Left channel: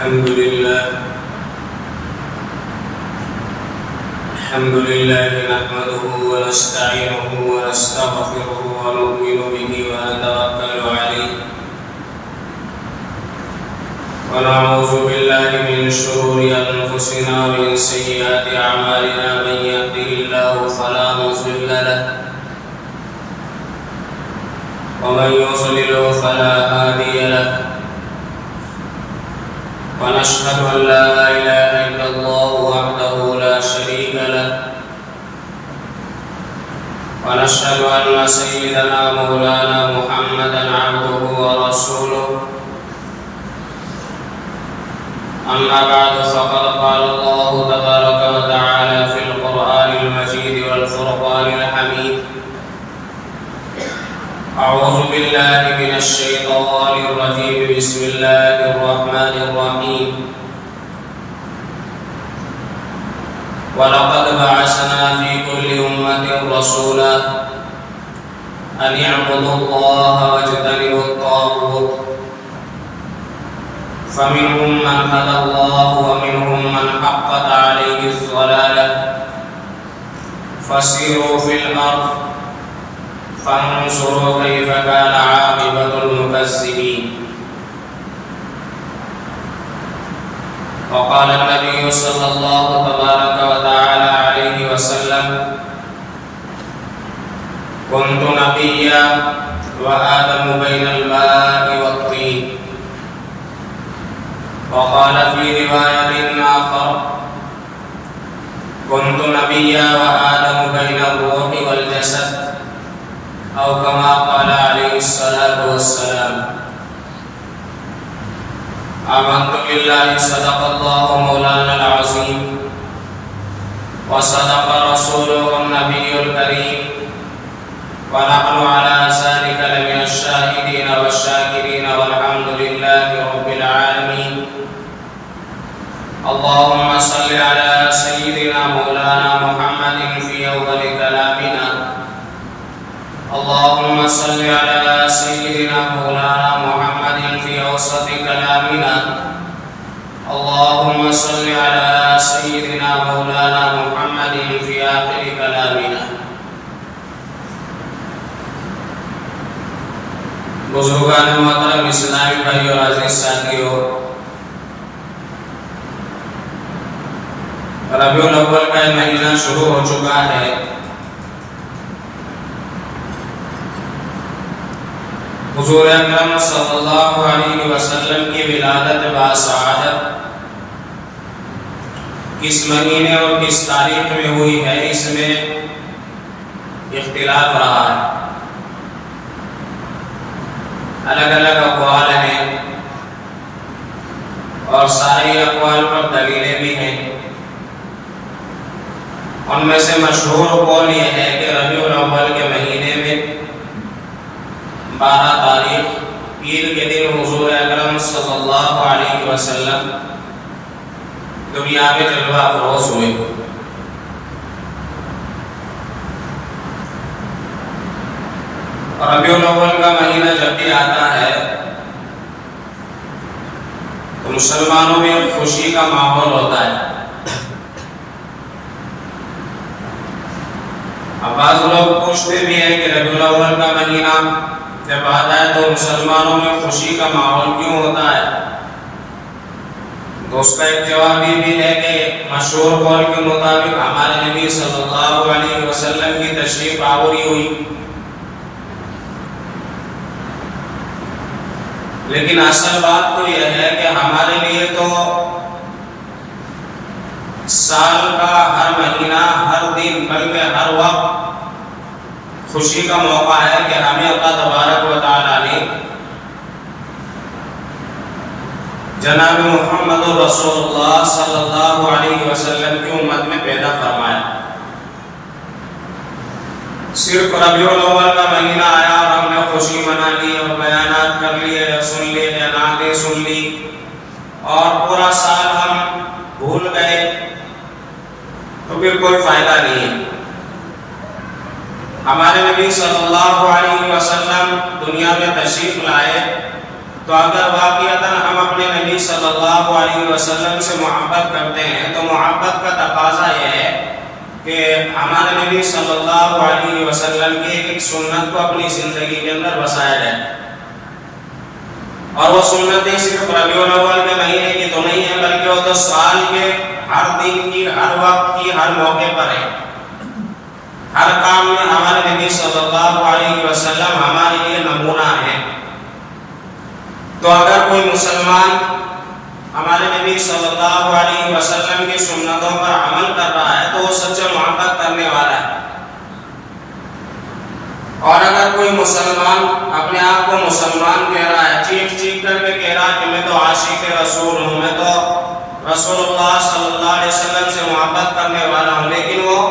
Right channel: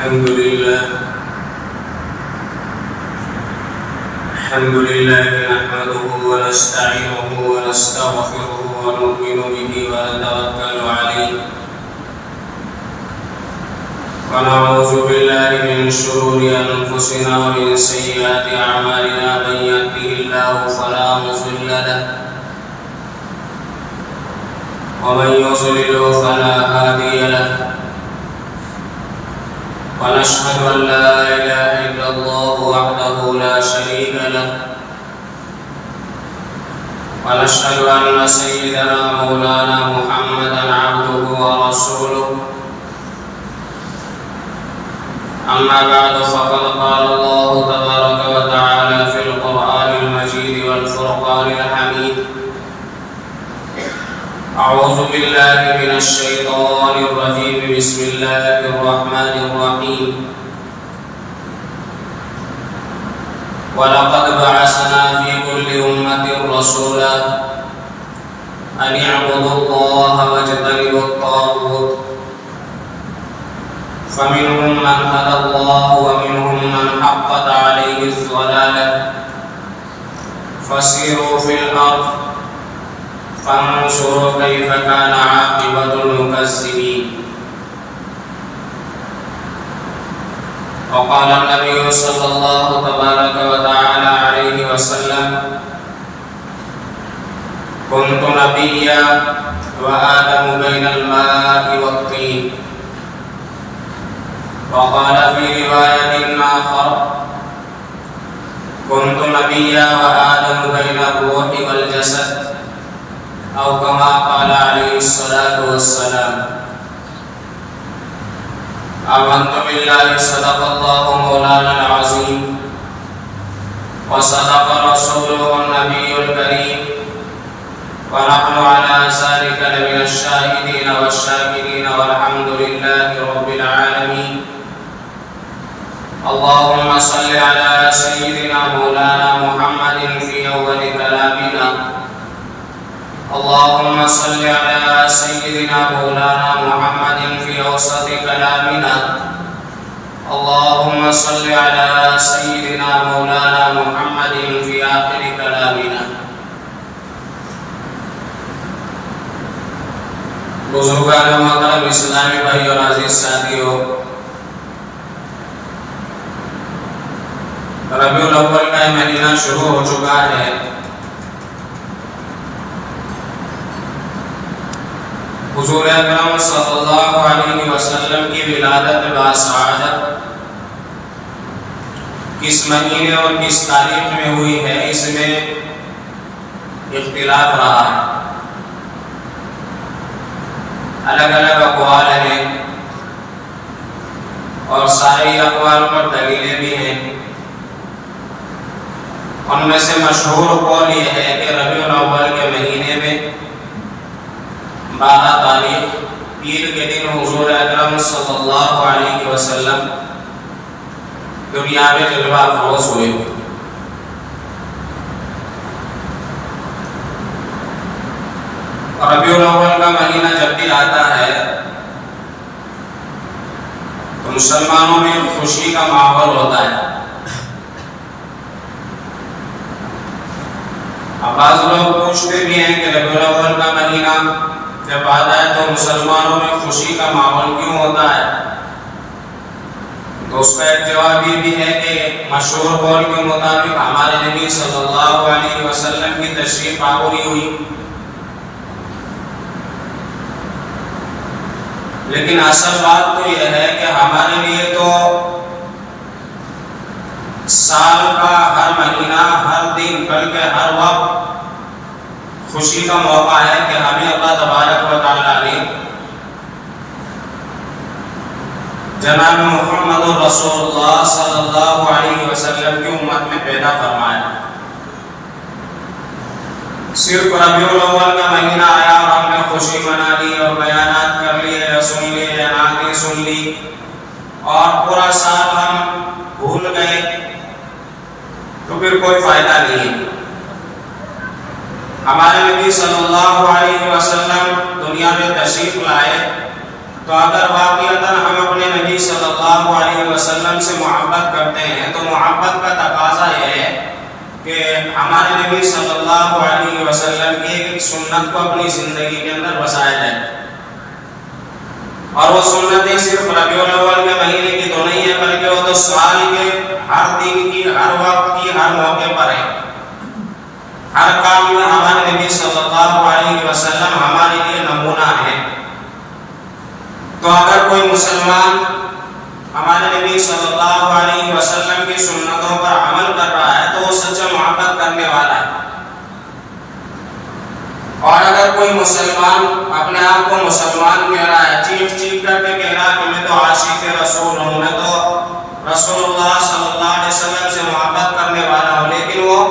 الحمد لله نحمده ونستعينه ونستغفره ونؤمن به ونتوكل عليه ونعوذ بالله من شرور أنفسنا ومن سيئات أعمالنا من يهده الله فلا مضل له ومن يضلل فلا هادي له ونشهد أن لا إله إلا الله وحده لا شريك له ونشهد أن سيدنا مولانا محمدا عبده ورسوله أما بعد فقد قال الله تبارك وتعالى في القرآن المجيد والفرقان الحميد أعوذ بالله من الشيطان الرجيم بسم الله الرحمن الرحيم ولقد بعثنا في كل أمة رسولا أن اعبدوا الله واجتنبوا الطاغوت فمنهم من هدى الله ومنهم من حقت عليه الضلالة فسيروا في الأرض فانظروا كيف كان عاقبة المكذبين. وقال النبي صلى الله تبارك وتعالى عليه وسلم كنت نبيا وآدم بين الماء والطين. وقال في رواية آخر كنت نبيا وآدم بين الروح والجسد أو كما قال عليه الصلاة والسلام. آمنت بالله صدق الله مولانا العظيم وصدق رسوله النبي الكريم ونحن على ذلك لمن الشاهدين والشاكرين والحمد لله رب العالمين. اللهم صل على سيدنا مولانا محمد في أول كلامنا. اللهم صل على سيدنا مولانا محمد في أوسط كلامنا. اللهم صل على سيدنا مولانا محمد في آخر كلامنا. بزرگان محترم اسلامی بھائی اور عزیز ساتھیو، ربیع الاول کا مہینہ شروع ہو چکا ہے. حضور اکرم صلی اللہ علیہ وسلم کی ولادت باسعادت کس مہینے اور کس تاریخ میں ہوئی ہے، اس میں اختلاف رہا ہے. الگ الگ اقوال ہیں اور سارے اقوال پر دلیلیں بھی ہیں. ان میں سے مشہور قول یہ ہے کہ ربیع الاول کے مہینے میں 12 تاریخ پیر کے دن حضور اکرم صلی اللہ علیہ وسلم دنیا میں جلوہ افروز ہوئے. ربیع الاول کا مہینہ جب بھی آتا ہے تو مسلمانوں میں خوشی کا ماحول ہوتا ہے. اب بعض لوگ پوچھتے بھی ہیں کہ ربیع الاول کا مہینہ جب آتا ہے تو مسلمانوں میں خوشی کا ماحول کیوں ہوتا ہے؟ تو اس کا ایک جواب یہ بھی ہے کہ مشہور قول کے مطابق ہمارے نبی صلی اللہ علیہ وسلم کی تشریف آوری ہوئی. لیکن اصل بات تو یہ ہے کہ ہمارے لیے تو سال کا ہر مہینہ، ہر دن، بلکہ ہر وقت خوشی کا موقع ہے کہ ہمیں اللہ تبارک و تعالیٰ نے جناب محمد رسول اللہ صلی اللہ علیہ وسلم کی امت میں پیدا فرمایا. صرف ربیع الاول کا مہینہ آیا اور ہم نے خوشی منا لی اور بیانات کر لیے، سن لیے، نعتیں سن لی اور پورا سال ہم بھول گئے تو پھر کوئی فائدہ نہیں. ہمارے نبی صلی اللہ علیہ وسلم دنیا میں تشریف لائے تو اگر واقعتاً ہم اپنے نبی صلی اللہ اللہ علیہ وسلم سے محبت کرتے ہیں تو محبت کا تقاضا یہ ہے کہ ہمارے نبی صلی اللہ علیہ وسلم کی ایک سنت کو اپنی زندگی کے اندر بسایا جائے، اور وہ سنتیں صرف ربیع الاول کے مہینے کی تو نہیں ہے، بلکہ وہ تو سال کے ہر دن کی، ہر وقت کی، ہر موقع پر ہے۔ ہر کام میں ہمارے نبی صلی اللہ علیہ وسلم ہمارے لیے نمونہ ہے۔ تو اگر کوئی مسلمان ہمارے نبی صلی اللہ علیہ وسلم کی سنتوں پر عمل کر رہا ہے تو وہ سچا محبت کرنے والا ہے، اور اگر کوئی مسلمان اپنے آپ کو مسلمان کہہ رہا ہے، چیخ چیخ کر کے کہہ رہا ہے کہ میں تو عاشق رسول ہوں، میں تو رسول اللہ صلی اللہ علیہ وسلم سے محبت کرنے والا ہوں، لیکن وہ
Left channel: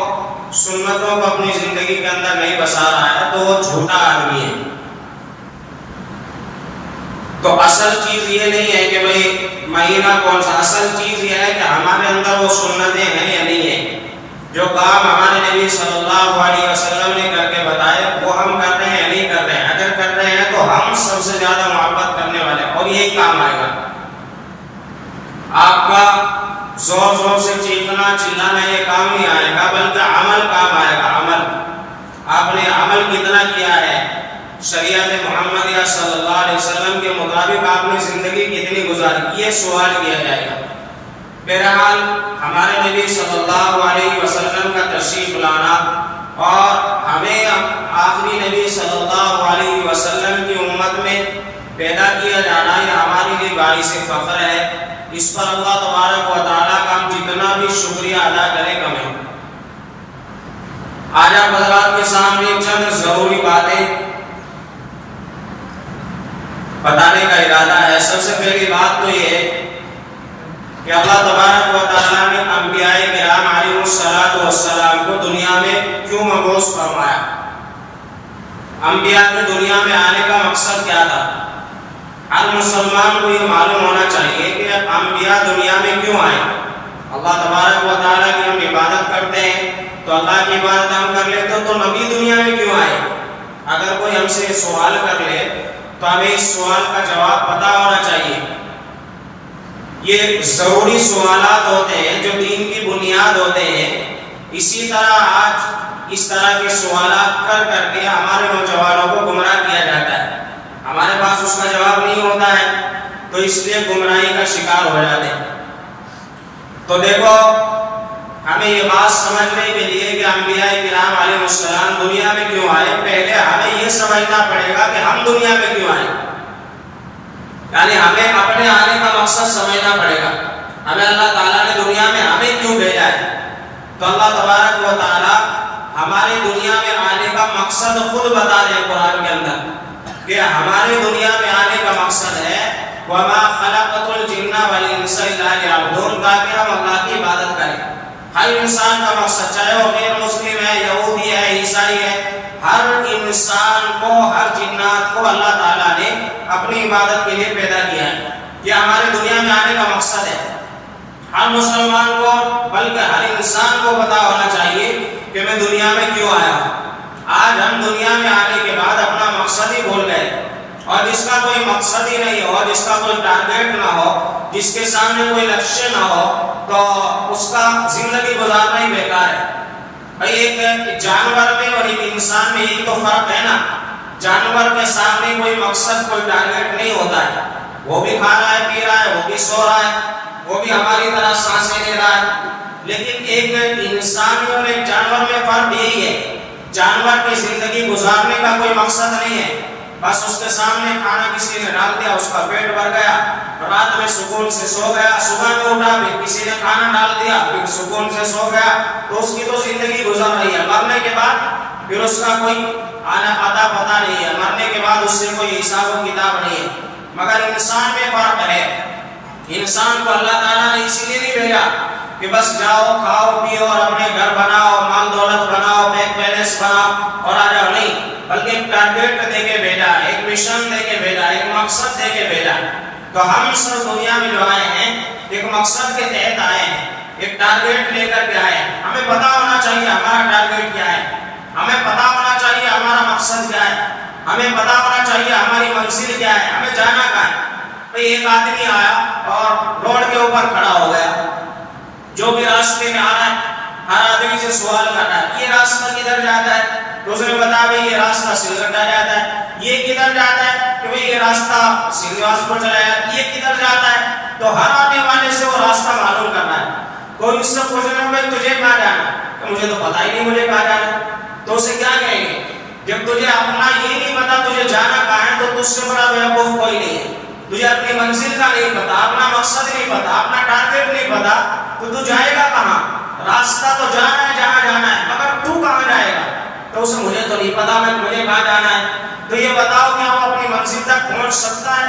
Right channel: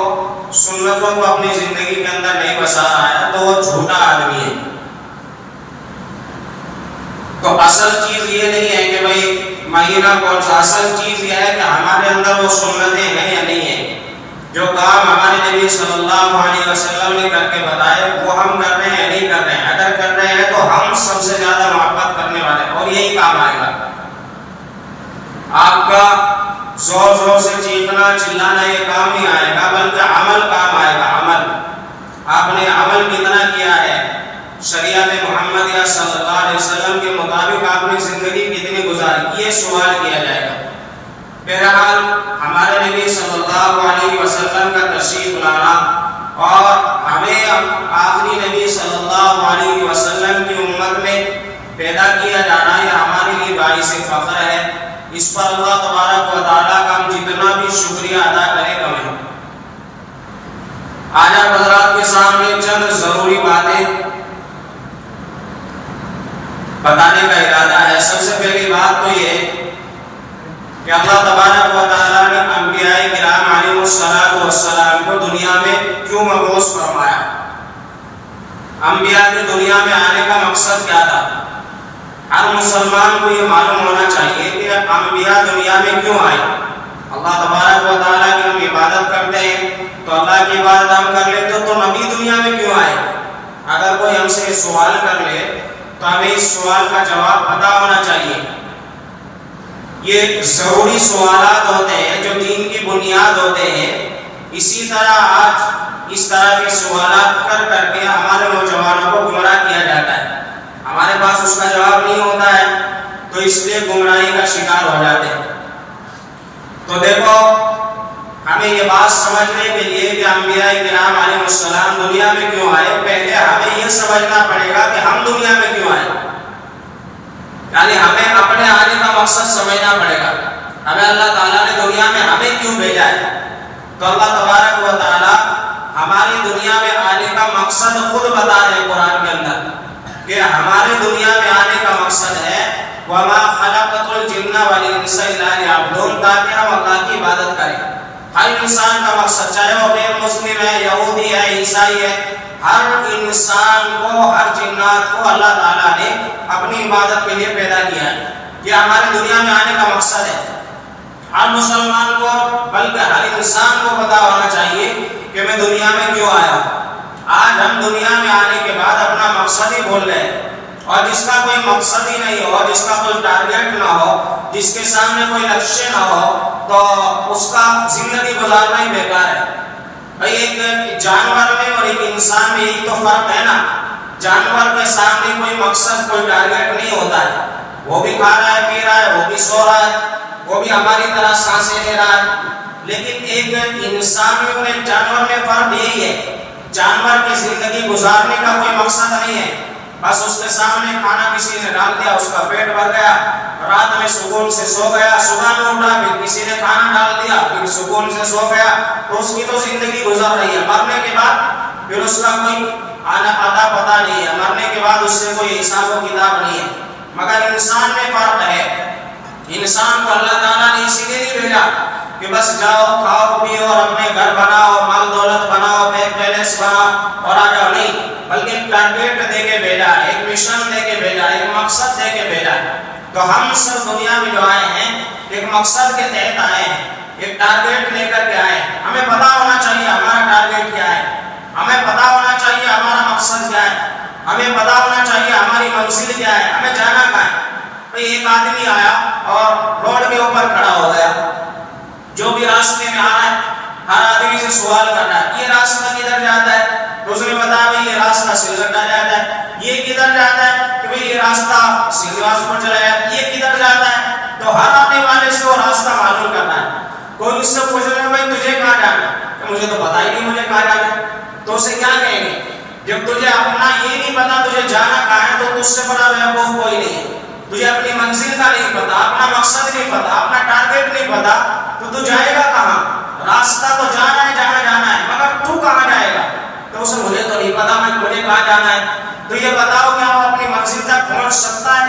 سنتوں کو اپنی زندگی کے اندر نہیں بسا رہا ہے، تو وہ جھوٹا آدمی ہے۔ تو اصل چیز یہ نہیں ہے کہ بھئی مہینہ کون سا، اصل چیز یہ ہے کہ ہمارے اندر وہ سنتیں ہیں یا نہیں ہیں۔ جو کام ہمارے نبی صلی اللہ علیہ وسلم نے کر کے بتائے وہ ہم کر رہے ہیں یا نہیں کر رہے ہیں۔ اگر کر رہے ہیں تو ہم سب سے زیادہ محبت کرنے والے ہیں، اور یہی کام آئے گا۔ آپ کا زور زور سے چیخنا چلانا یہ کام نہیں آئے گا، بلکہ عمل کام آئے گا۔ عمل، آپ نے عمل کتنا کیا ہے، شریعت محمدیہ صلی اللہ علیہ وسلم کے مطابق آپ نے زندگی کتنی گزاری، یہ سوال کیا جائے گا۔ بہرحال ہمارے نبی صلی اللہ علیہ وسلم کا تشریف لانا اور ہمیں آخری نبی صلی اللہ علیہ وسلم کی امت میں پیدا کیا جانا یہ ہمارے لیے باعث فخر ہے۔ اس پر اللہ تبارک و تعالیٰ کا ہم جتنا بھی شکریہ ادا کریں کم ہے۔ آج آپ حضرات کے سامنے چند ضروری باتیں بتانے کا ارادہ ہے۔ سب سے پہلی بات تو یہ کہ اللہ تبارک و تعالیٰ نے انبیاء کرام علیہ السلام کو دنیا میں کیوں مبعوث فرمایا، انبیاء کی دنیا میں آنے کا مقصد کیا تھا۔ ہر مسلمان کو یہ معلوم ہونا چاہیے کہ انبیاء دنیا میں کیوں آئے۔ اللہ تبارک و تعالیٰ کی ہم عبادت کرتے ہیں تو اللہ کی عبادت ہم کر لیں تو تم ابھی دنیا میں کیوں آئے۔ اگر کوئی ہم سے سوال کر لے تو ہمیں اس سوال کا جواب پتہ ہونا چاہیے۔ یہ ضروری سوالات ہوتے ہیں جو دین کی بنیاد ہوتے ہیں۔ اسی طرح آج اس طرح کے سوالات کر کر کے ہمارے نوجوانوں کو گمراہ کیا جاتا ہے۔ ہمارے پاس اس کا جواب نہیں ہوتا ہے تو اس لیے گمراہی کا شکار ہو جاتے ہیں۔ تو دیکھو، ہمیں یہ بات سمجھنے کے لیے کہ انبیاء کرام علیہ السلام دنیا میں کیوں آئے، پہلے ہمیں یہ سمجھنا پڑے گا کہ ہم دنیا میں کیوں آئے۔ یعنی ہمیں اپنے آنے کا مقصد سمجھنا پڑے گا۔ ہمیں اللہ تعالیٰ نے دنیا میں ہمیں کیوں بھیجا ہے، تو اللہ تبارک و تعالیٰ ہماری دنیا میں آنے کا مقصد خود بتا رہے ہیں قرآن کے اندر کہ ہمارے دنیا میں آنے کا مقصد ہے وَمَا خَلَقْتُ الْجِنَّ وَالْإِنسَ إِلَّا لِيَعْبُدُونِ، تاکہ ہم اللہ کی عبادت کریں۔ ہر انسان کا مقصد، چاہے وہ غیر مسلم ہے، یہودی ہے، عیسائی ہے، ہر انسان کو، ہر جنات کو اللہ تعالیٰ نے اپنی عبادت کے لیے پیدا کیا ہے۔ یہ ہمارے دنیا میں آنے کا مقصد ہے۔ ہر مسلمان کو، بلکہ ہر انسان کو پتا ہونا چاہیے کہ میں دنیا میں کیوں آیا ہوں۔ آج ہم دنیا میں آنے کے بعد اپنا مقصد ہی بھول گئے، اور جس کا کوئی مقصد ہی نہیں ہو، جس کا کوئی ٹارگیٹ نہ ہو، جس کے سامنے کوئی لکشیہ نہ ہو، تو اس کا زندگی گزارنا ہی بیکار ہے۔ بھئی ایک جانور میں اور ایک انسان میں ایک تو فرق ہے نا۔ جانور کے سامنے کوئی مقصد، کوئی ٹارگیٹ نہیں ہوتا ہے، وہ بھی کھا رہا ہے، پی رہا ہے، وہ بھی سو رہا ہے، وہ بھی ہماری طرح سانسیں لے رہا ہے۔ لیکن ایک انسان اور ایک جانور میں فرق یہی ہے، جانور کی زندگی گزارنے کا کوئی مقصد نہیں ہے، بس اس کے سامنے کھانا کسی نے ڈال دیا، اس کا پیٹ بھر گیا، رات میں سکون سے سو گیا، صبح میں اٹھا پھر کسی نے کھانا ڈال دیا، پھر سکون سے سو گیا، تو اس کی تو زندگی گزر رہی ہے۔ مرنے کے بعد پھر اس کا کوئی آنا پتہ نہیں ہے، مرنے کے بعد اس سے کوئی حساب و کتاب نہیں ہے۔ مگر انسان میں فرق ہے۔ انسان کو اللہ تعالیٰ نے اسی لیے نہیں بھیجا کہ بس جاؤ کھاؤ پیو اور اپنے گھر بناؤ، مال دولت بناؤ، بیگ بیلنس بناؤ اور آ جاؤ، نہیں، بلکہ ایک ٹارگیٹ دے کے بھیجا، ایک مشن دے کے بھیجا، ایک مقصد دے کے بھیجا۔ تو ہم صرف دنیا میں جو آئے ہیں ایک مقصد کے تحت آئے ہیں، ایک ٹارگیٹ لے کر کے آئے ہیں۔ ہمیں پتا ہونا چاہیے ہمارا ٹارگیٹ کیا ہے، ہمیں پتا ہونا چاہیے ہمارا مقصد کیا ہے، ہمیں پتا ہونا چاہیے ہماری منزل کیا ہے، ہمیں جانا کہاں ہے۔ ایک آدمی آیا اور روڈ سے سوال کرنا ہے یہ راستہ کدھر جاتا ہے، تو اس نے بتایا بھائی یہ راستہ سلگٹا جاتا ہے، یہ کدھر جاتا ہے کہ بھائی یہ راستہ سیلواس کو چلا جاتا ہے، یہ کدھر جاتا ہے، تو ہر آنے والے سے وہ راستہ معلوم کرنا ہے۔ کوئی اس سے پوچھنا بھائی تجھے کہاں جانا ہے، تو مجھے تو پتا ہی نہیں مجھے کہاں جانا ہے، تو اسے کیا کہیں گے، جب تجھے اپنا یہ نہیں پتا تجھے جانا کہاں ہے تو تجھ سے بڑا بیوقوف کوئی نہیں ہے۔ تجھے اپنی منزل کا نہیں پتا، اپنا مقصد نہیں پتا، اپنا ٹارگیٹ نہیں پتا، تو جائے گا کہاں؟ راستہ تو جانا ہے جہاں جانا ہے، مگر تو کہاں جائے گا؟ تو اسے مجھے تو نہیں پتا مجھے کہاں جانا ہے۔ تو یہ بتاؤ کیا وہ اپنی منزل تک پہنچ سکتا ہے؟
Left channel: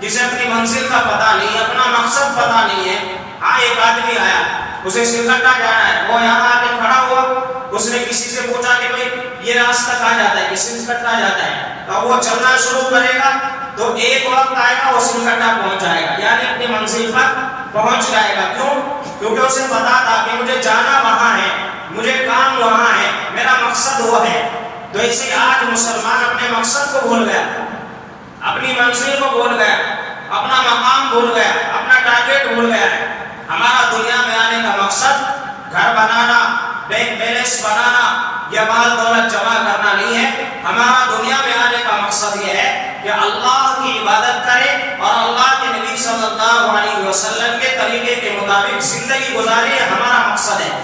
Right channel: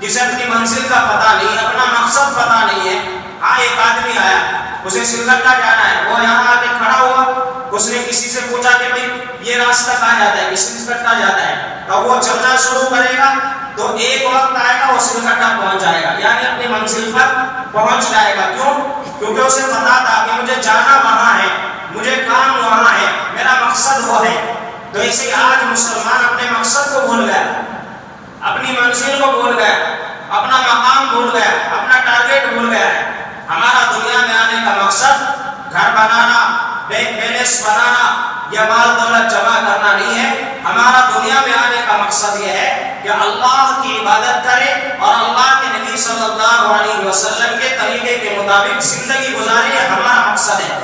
جسے اپنی منزل کا پتا نہیں، اپنا مقصد پتا نہیں ہے۔ ہاں ایک آدمی آیا، اسے سلگٹا جانا ہے، وہ یہاں آ کے کھڑا ہوا، اس نے کسی سے پوچھا کہ بھائی یہ راستہ کہاں جاتا ہے، کہ سلگٹا جاتا ہے، تو وہ چلنا شروع کرے گا تو ایک وقت آئے گا وہ سلگٹا پہنچ جائے گا، یعنی اپنی منزل پر پہنچ جائے گا۔ کیوں؟ کیونکہ اسے پتا تھا کہ مجھے جانا وہاں ہے، مجھے کام وہاں ہے، میرا مقصد وہ ہے۔ تو اسے آج مسلمان اپنے مقصد کو بھول گیا، اپنی منزل کو بھول گیا، اپنا مقام بھول گیا، اپنا ٹارگیٹ بھول گیا۔ ہمارا دنیا میں آنے کا مقصد گھر بنانا، بینک بیلنس بنانا یا مال دولت جمع کرنا نہیں ہے۔ ہمارا دنیا میں آنے کا مقصد یہ ہے کہ اللہ کی عبادت کرے اور اللہ کے نبی صلی اللہ علیہ وسلم کے طریقے کے مطابق زندگی گزارے، یہ ہمارا مقصد ہے۔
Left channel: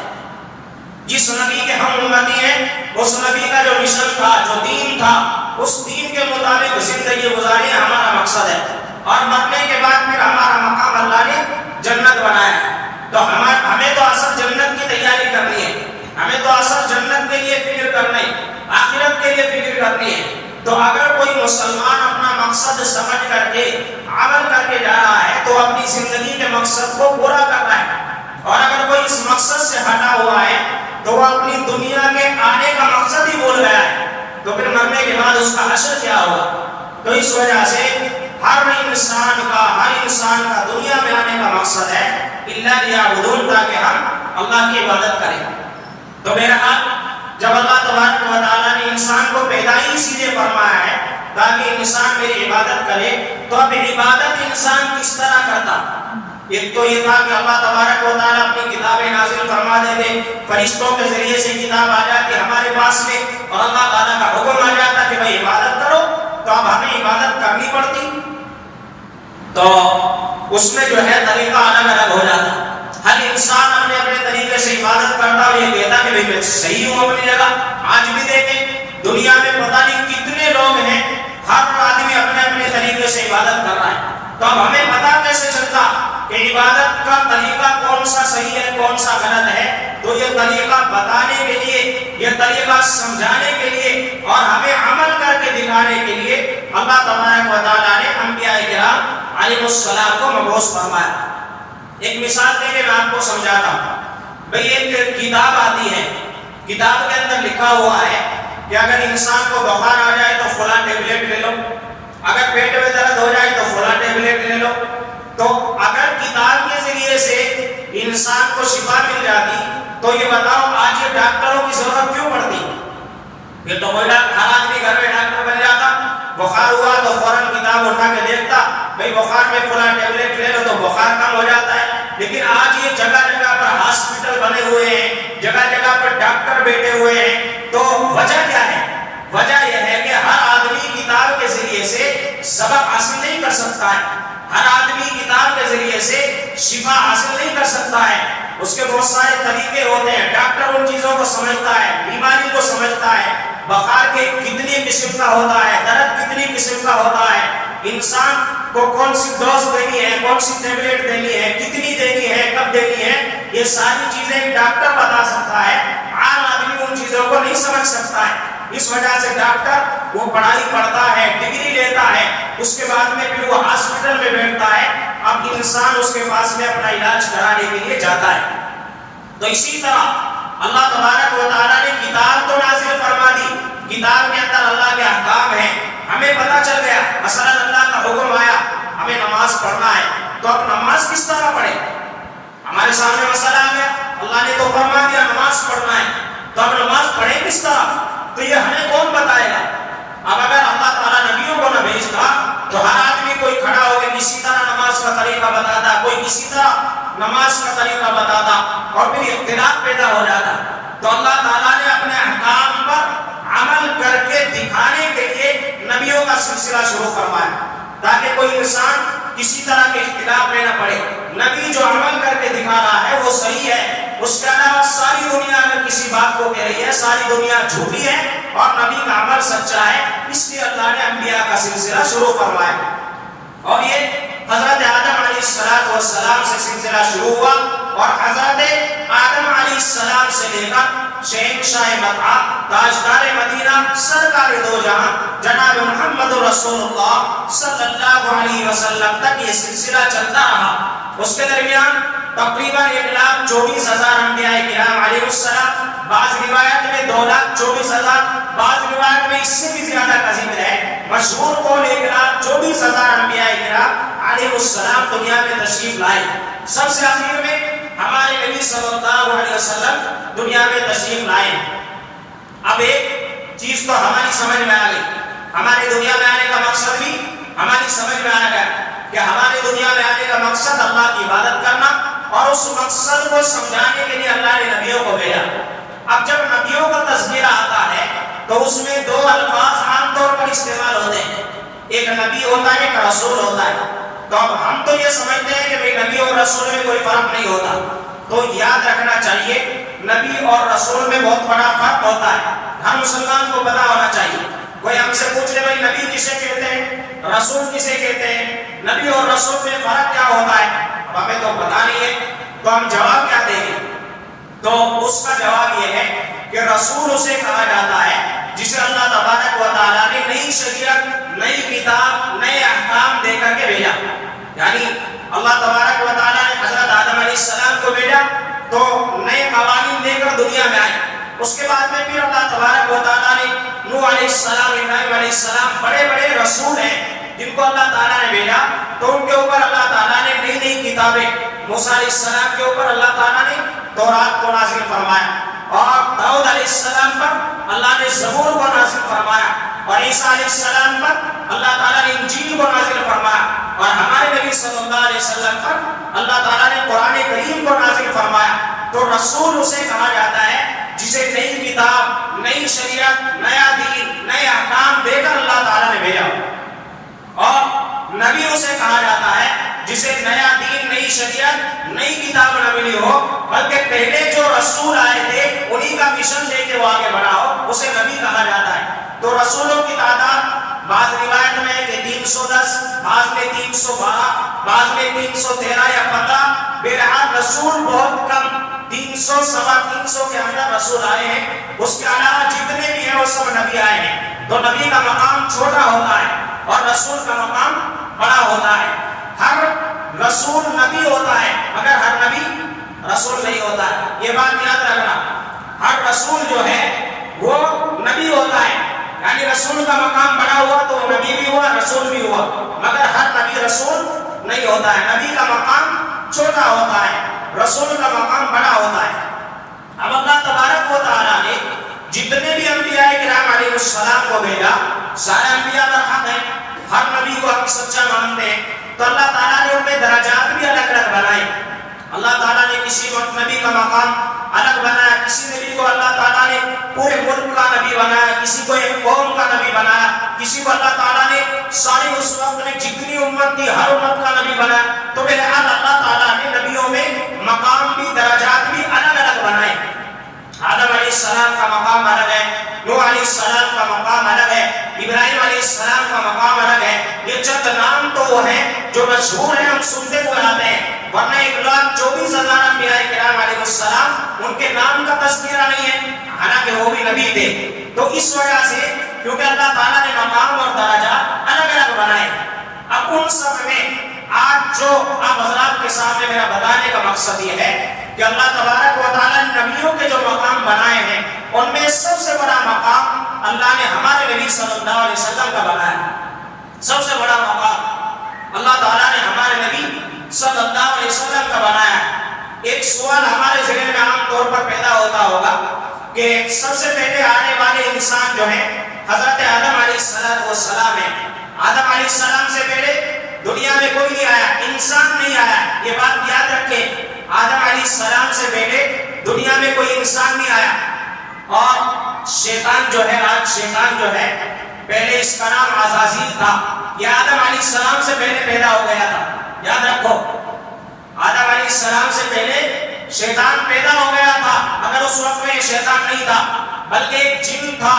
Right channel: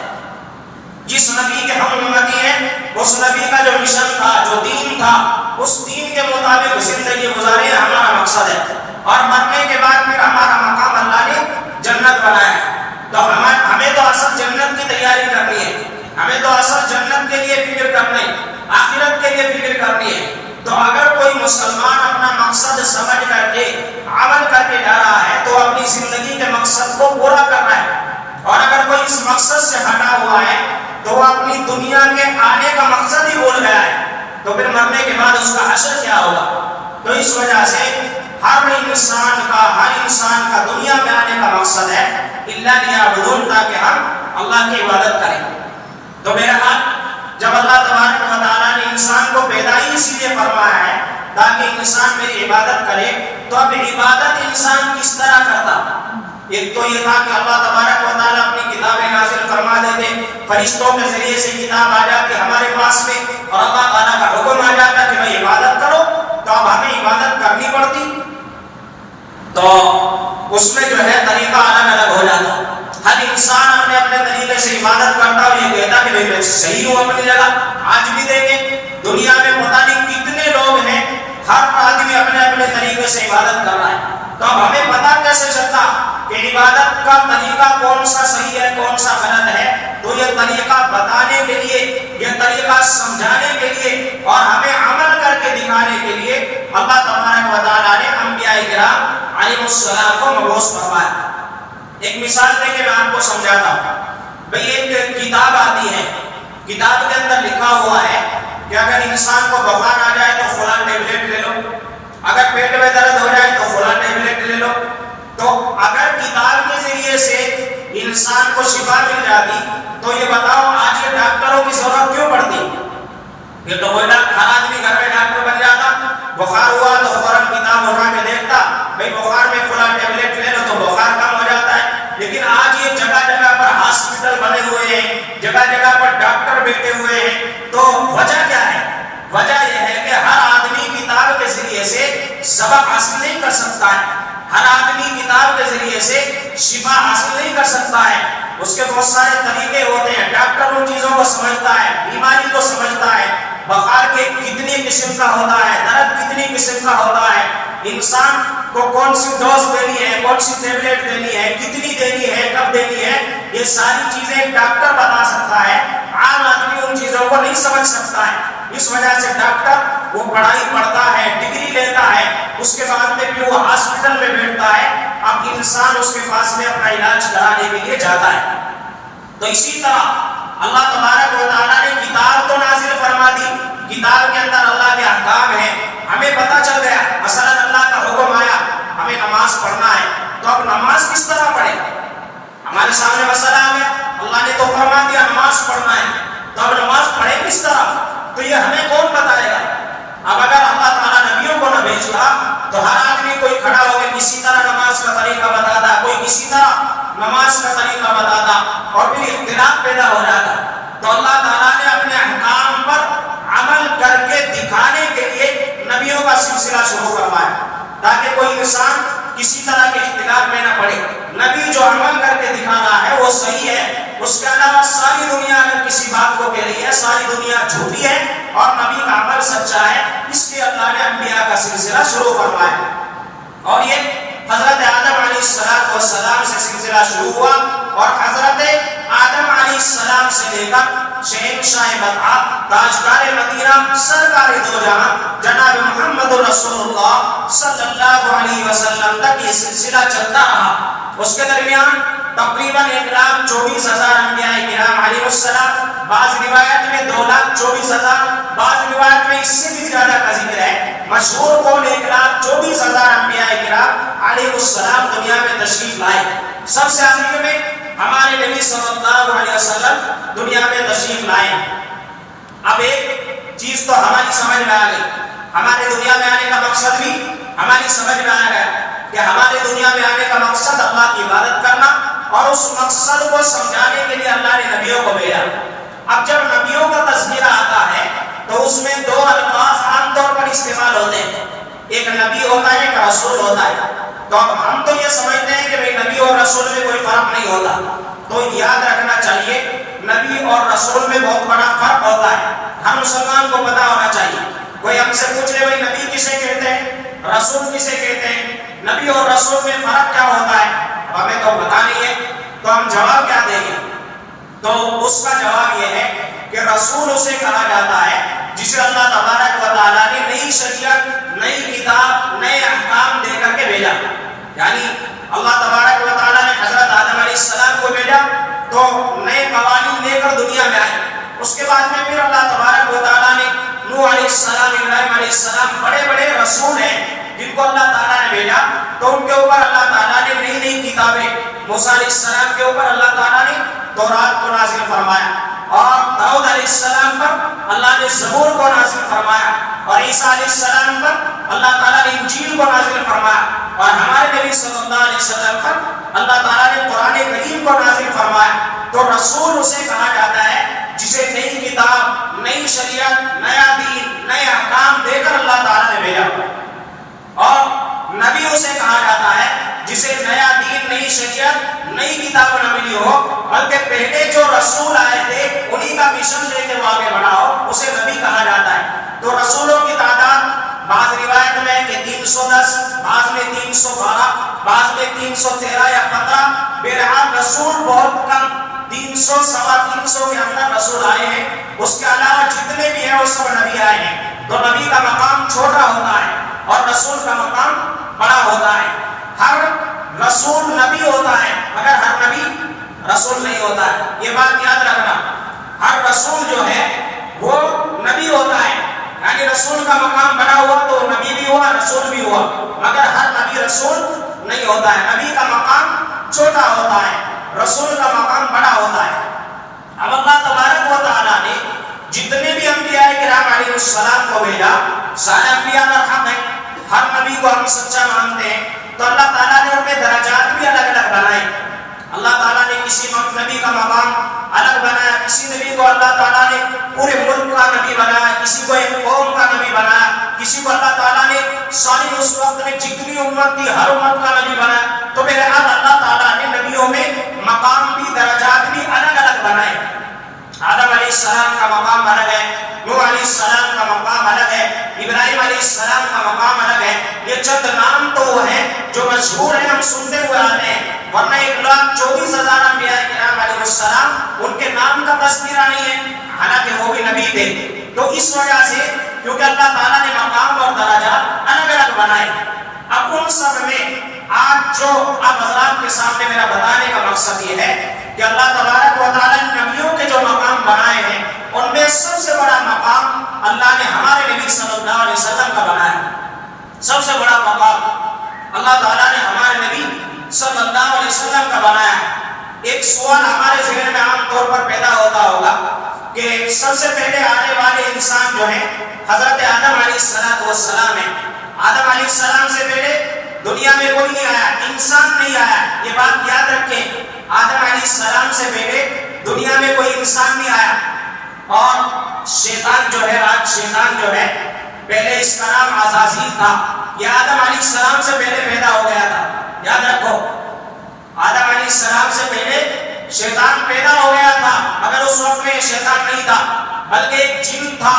جس نبی کے ہم امتی ہیں اس نبی کا جو مشن تھا، جو دین تھا، اس دین کے مطابق زندگی گزارے ہمارا مقصد ہے۔ اور مرنے کے بعد پھر ہمارا مقام اللہ نے جنت بنایا ہے۔ تو ہمیں تو اصل جنت کی تیاری کرنی ہے، ہمیں تو اصل جنت کے لیے فکر کرنی ہے، آخرت کے لیے فکر کرنی ہے۔ تو اگر کوئی مسلمان اپنا مقصد سمجھ کر کے عمل کر کے جا رہا ہے تو اپنی زندگی کے مقصد کو پورا کرنا ہے، اور اگر کوئی اس مقصد سے ہٹا ہوا ہے تو وہ اپنی دنیا کے آنے کا مقصد ہی بھول گیا ہے، تو پھر مرنے کے بعد اس کا حشر کیا ہوگا؟ تو اس وجہ سے ہر انسان کا دنیا میں آنے کا مقصد ہے اللہ لیعبدون، تاکہ ہم اللہ کی عبادت کریں۔ تو بہرحال جب اللہ تبارک و تعالیٰ نے انسان کو پیدا ہی اسی لیے فرمایا ہے تاکہ انسان میری عبادت کرے، تو اب عبادت انسان کس طرح کرتا؟ ایک تو یہ تھا کہ اللہ تبارک و تعالیٰ اپنی کتابیں نازل فرما دیتے، فرشتوں کے ذریعے سے کتاب آ جاتی ہمارے پاس میں، اور اللہ تعالیٰ کا حکم آ جاتا کہ بھائی عبادت کرو، تو اب ہمیں عبادت کرنی پڑتی۔ تو اس میں جو ہے طریقہ الگ الگ ہو جاتا، ہر انسان اپنے اپنے طریقے سے عبادت کرتا اور یہ کہتا کہ میں صحیح ہوں اپنی جگہ۔ آج بھی دیکھیں دنیا میں پتہ نہیں کتنے لوگ ہیں، ہر آدمی اپنے اپنے طریقے سے عبادت کر رہا ہے۔ تو اب ہمیں پتہ کیسے چلتا کہ عبادت کا طریقہ کون سا صحیح ہے کون سا غلط ہے؟ تو یہ طریقہ بتانے کے لیے، یہ طریقہ سمجھانے کے لیے اور ہمیں عمل کر کے دکھانے کے لیے اللہ تبارک و تعالیٰ نے انبیاء کرام علیہ السلام کو مبعوث فرمایا۔ ایک مثال دے کے میں آپ کو سمجھاتا ہوں۔ بھئی ایک کتاب آتی ہے، کتاب کے اندر لکھا ہوا ہے کہ اگر انسان کو بخار آ جائے تو فلاں ٹیبلٹ لے لو، اگر پیٹ میں درد ہو جائے تو فلاں ٹیبلٹ لے لو۔ تو اگر کتاب کے ذریعے سے انسان کو شفا مل جاتی تو یہ بتاؤ آج یہ ڈاکٹروں کی ضرورت کیوں پڑتی؟ پھر تو کوئی ہر آدمی گھر میں ڈاکٹر بن جاتا، بخار ہوا تو فوراً کتاب اٹھا کے دیکھتا، بھئی بخار میں فلاں ٹیبلٹ لے لو تو بخار کم ہو جاتا ہے۔ لیکن آج یہ جگہ جگہ پر ہاسپٹل بنے ہوئے ہیں، جگہ جگہ پر ڈاکٹر بیٹھے ہوئے ہیں، تو وجہ کیا ہے؟ وجہ یہ ہے کہ ہر آدمی کتاب کے ذریعے سے سبق حاصل نہیں کر سکتا ہے، ہر آدمی کتاب کے ذریعے سے شفا حاصل نہیں کر سکتا ہے، اس کے بہت سارے طریقے ہوتے ہیں۔ ڈاکٹر ان چیزوں کو سمجھتا ہے، بیماری کو سمجھتا ہے، بخار کے کتنی قسم کا ہوتا ہے، درد کتنی قسم کا ہوتا ہے، انسان کو کون سی ڈوز دینی ہے، کون سی ٹیبلٹ دینی ہے، کتنی دینی ہے، کب دینی ہے، یہ ساری چیزیں ڈاکٹر بتا سکتا ہے، عام آدمی ان چیزوں کو نہیں سمجھ سکتا ہے۔ اس وجہ سے ڈاکٹر وہ پڑھائی پڑھتا ہے، ڈگری لیتا ہے، اس کے بعد میں پھر وہ ہاسپٹل میں بیٹھتا ہے، اب انسان اس کے پاس میں اپنا علاج کرانے کے لیے جاتا ہے۔ تو اسی طرح اللہ تبارک و تعالیٰ نے کتاب تو نازل فرما دی، کتاب کے اندر اللہ کے احکام ہیں، ہمیں پتہ چل گیا، مثلا اللہ کا حکم آیا ہمیں نماز پڑھنا ہے، تو اب نماز کس طرح پڑھیں؟ ہمارے سامنے مسئلہ آ گیا، اللہ نے تو فرما دیا نماز پڑھنا ہے، تو اب نماز پڑھیں کس طرح؟ تو یہ ہمیں کون بتائے گا؟ اب اگر اللہ تعالیٰ نبیوں کو نہ بھیجتا تو ہر آدمی کوئی کھڑا ہو کے کسی طرح نماز کا طریقہ بتاتا، کوئی کسی طرح نماز کا طریقہ بتاتا، اور پھر اختلاف پیدا ہو جاتا۔ تو اللہ تعالیٰ نے اپنے احکام پر عمل کر کے دکھانے کے لیے نبیوں کا سلسلہ شروع فرمایا تاکہ کوئی انسان کسی طرح کے اختلاف میں نہ پڑے. نبی جو عمل کر کے دکھا رہا ہے وہ صحیح ہے، اس کے علاوہ ساری دنیا اگر کسی بات کو کہہ رہی ہے ساری دنیا جھوٹی ہے اور نبی کا عمل سچا ہے. اس لیے اللہ نے انبیاء کا سلسلہ شروع فرمایا اور یہ حضرت آدم علیہ السلام سے سلسلہ شروع ہوا اور حضرت آدم علیہ السلام سے لے کر شہنشاہ مدعا تاجدار مدینہ سرکار دو جہاں جناب محمد رسول اللہ صلی اللہ علیہ وسلم تک یہ سلسلہ چلتا رہا. اس کے درمیان تقریباً 1,24,000 انبیاء کرام علیہ السلام، بعض روایت میں 2,24,000، بعض روایت میں اس سے بھی زیادہ کا ذکر ہے. مشہور قول 1,24,000 انبیاء کرام علیہ السلام دنیا میں تشریف لائے. سب سے آخر میں ہمارے نبی صلی اللہ علیہ وسلم دنیا میں تشریف لائے. اب ایک چیز تو ہماری سمجھ میں آ گئی، ہمارے دنیا میں آنے کا مقصد بھی ہماری سمجھ میں آ گیا کہ ہمارے دنیا میں آنے کا مقصد اللہ کی عبادت کرنا اور اس مقصد کو سمجھانے کے لیے اللہ نے نبیوں کو بھیجا. اب جب نبیوں کا تذکرہ آتا ہے تو اس میں دو الفاظ عام طور پر استعمال ہوتے ہیں، ایک نبی ہوتا ہے ایک رسول ہوتا ہے. تو اب ہم تو یہ سمجھتے ہیں کہ بھئی نبی اور رسول میں کوئی فرق نہیں ہوتا، تو یاد رکھنا چاہیے نبی اور رسول میں بہت بڑا فرق ہوتا ہے. ہر مسلمان کو پتا ہونا چاہیے. کوئی ہم سے پوچھ لے بھئی نبی کسے کہتے ہیں، رسول کسے کہتے ہیں، نبی اور رسول میں فرق کیا ہوتا ہے، اب ہمیں تو پتا نہیں ہے، تو ہم جواب کیا دیں گے؟ تو اس کا جواب یہ ہے کہ رسول اسے کہا جاتا ہے جسے اللہ تبارک و تعالیٰ نے نئی شریعت، نئی کتاب، نئے احکام دے کر کے بھیجا. یعنی اللہ تبارک و تعالیٰ نے حضرت آدم علیہ السلام کو بھیجا تو نئے قوانین لے کر دنیا میں آئے. اس کے بعد میں پھر اللہ تبارک و تعالیٰ نے نوح علیہ السلام، ابراہیم علیہ السلام بڑے بڑے رسول ہیں جن کو اللہ تعالیٰ نے بھیجا، تو ان کے اوپر اللہ تعالیٰ نے نئی نئی کتابیں، موسیٰ علیہ السلام کے اوپر اللہ تعالیٰ نے تورات کو نازل فرمایا اور داؤد علیہ السلام پر اللہ نے زبور کو نازل فرمایا اور عیسیٰ علیہ السلام پر اللہ تعالیٰ نے انجیل کو نازل فرمایا اور ہمارے نبی صلی اللہ علیہ وسلم پر اللہ تعالیٰ نے قرآن کریم کو نازل فرمایا. تو رسول اسے کہا جاتا ہے جسے نئی کتاب، نئی شریعت، نیا دین، نئے احکام دے کر اللہ تعالیٰ نے بھیجا. اور نبی اسے کہا جاتا ہے جسے نیا دین، نئی شریعت، نئی کتاب نہ ملی ہو بلکہ پہلے جو رسول آئے تھے انہی کا مشن لے کے وہ آگے بڑھا ہو، اسے نبی کہا جاتا ہے. تو رسولوں کی تعداد بعض روایت میں کہ 310، بعض میں 312، بعض میں 313 یا 15، بہرحال رسول بہت کم 300 سوا 300 کے اندر رسول آئے ہیں. اس کے علاوہ جتنے بھی ہیں وہ سب نبی آئے ہیں. تو نبی کا مقام چھوٹا ہوتا ہے اور رسول کا مقام بڑا ہوتا ہے. ہر رسول نبی ہوتا ہے مگر ہر نبی رسول نہیں ہوتا ہے. یہ بات یاد رکھنا، ہر رسول جو ہے وہ نبی ہوتا ہے، یعنی رسول کا مقام بڑا ہوا تو نبی بھی ہوا، رسول بھی ہوا، مگر ہر نبی رسول نہیں ہوتا ہے. نبی کا مقام چھوٹا ہوتا ہے، رسول کا مقام بڑا ہوتا ہے. اب اللہ تبارک و تعالیٰ نے جتنے بھی انبیاء کرام علیہ السلام کو بھیجا، سارے انبیاء پر حق ہیں، ہر نبی کو ہم سچا مانتے ہیں. تو اللہ تعالیٰ نے ان میں درجات بھی الگ الگ بنائے. اللہ تعالیٰ نے کسی نبی کا مقام الگ بنایا، کسی نبی کو اللہ تعالیٰ نے پورے ملک کا نبی بنایا، کسی کو ایک قوم کا نبی بنایا، کسی کو اللہ تعالیٰ نے ساری اس وقت میں جتنی امت تھی ہر امت کا نبی بنایا. تو بہرحال اللہ تعالیٰ نے نبیوں میں مقام بھی، درجات بھی الگ الگ بنائے. آدم علیہ السلام کا مقام الگ ہے، نوح علیہ السلام کا مقام الگ ہے، ابراہیم علیہ السلام کا مقام الگ ہے. یہ چند نام تو وہ ہیں جو مشہور ہیں، ہم سنتے ہوئے آتے ہیں، ورنہ 1,24,000 انبیاء کرام علیہ السلام ان کے نام کا تذکرہ نہیں ہے، حالانکہ وہ بھی نبی تھے. تو اس وجہ سے کیونکہ اللہ تعالیٰ نے مقام اور درجات الگ الگ بنائے. اب ان سب میں آج جو اب حضرات کے سامنے میرا بتانے کا مقصد یہ ہے کہ اللہ تبارک و تعالیٰ نے نبیوں کے جو مقام بنائے ہیں ان میں سب سے بڑا مقام اللہ نے ہمارے نبی صلی اللہ علیہ وسلم کا بنایا. سب سے بڑا مقام اللہ تعالیٰ نے ہمارے نبی صلی اللہ علیہ وسلم کا بنایا. ایک سوال ہمارے ذہن میں عام طور پر پیدا ہوتا ہوگا کہ سب سے پہلے آنے والے انسان جو ہیں حضرت آدم علیہ السلام ہیں. آدم علیہ السلام سے پہلے دنیا میں کوئی نہیں آیا، انسان نہیں آیا. یہ بات یاد رکھیں، آدم علیہ السلام سے پہلے دنیا میں کوئی انسان نہیں آیا. اور شیطان جو ہے پہلے اس کا نام عزازیل تھا. یہ آدم علیہ السلام سے پہلے پیدا ہو گیا تھا. یاد رکھو آدم علیہ السلام سے پہلے شیطان پیدا ہو گیا تھا، مگر اس وقت میں شیطان نہیں تھا بلکہ ایک جن تھا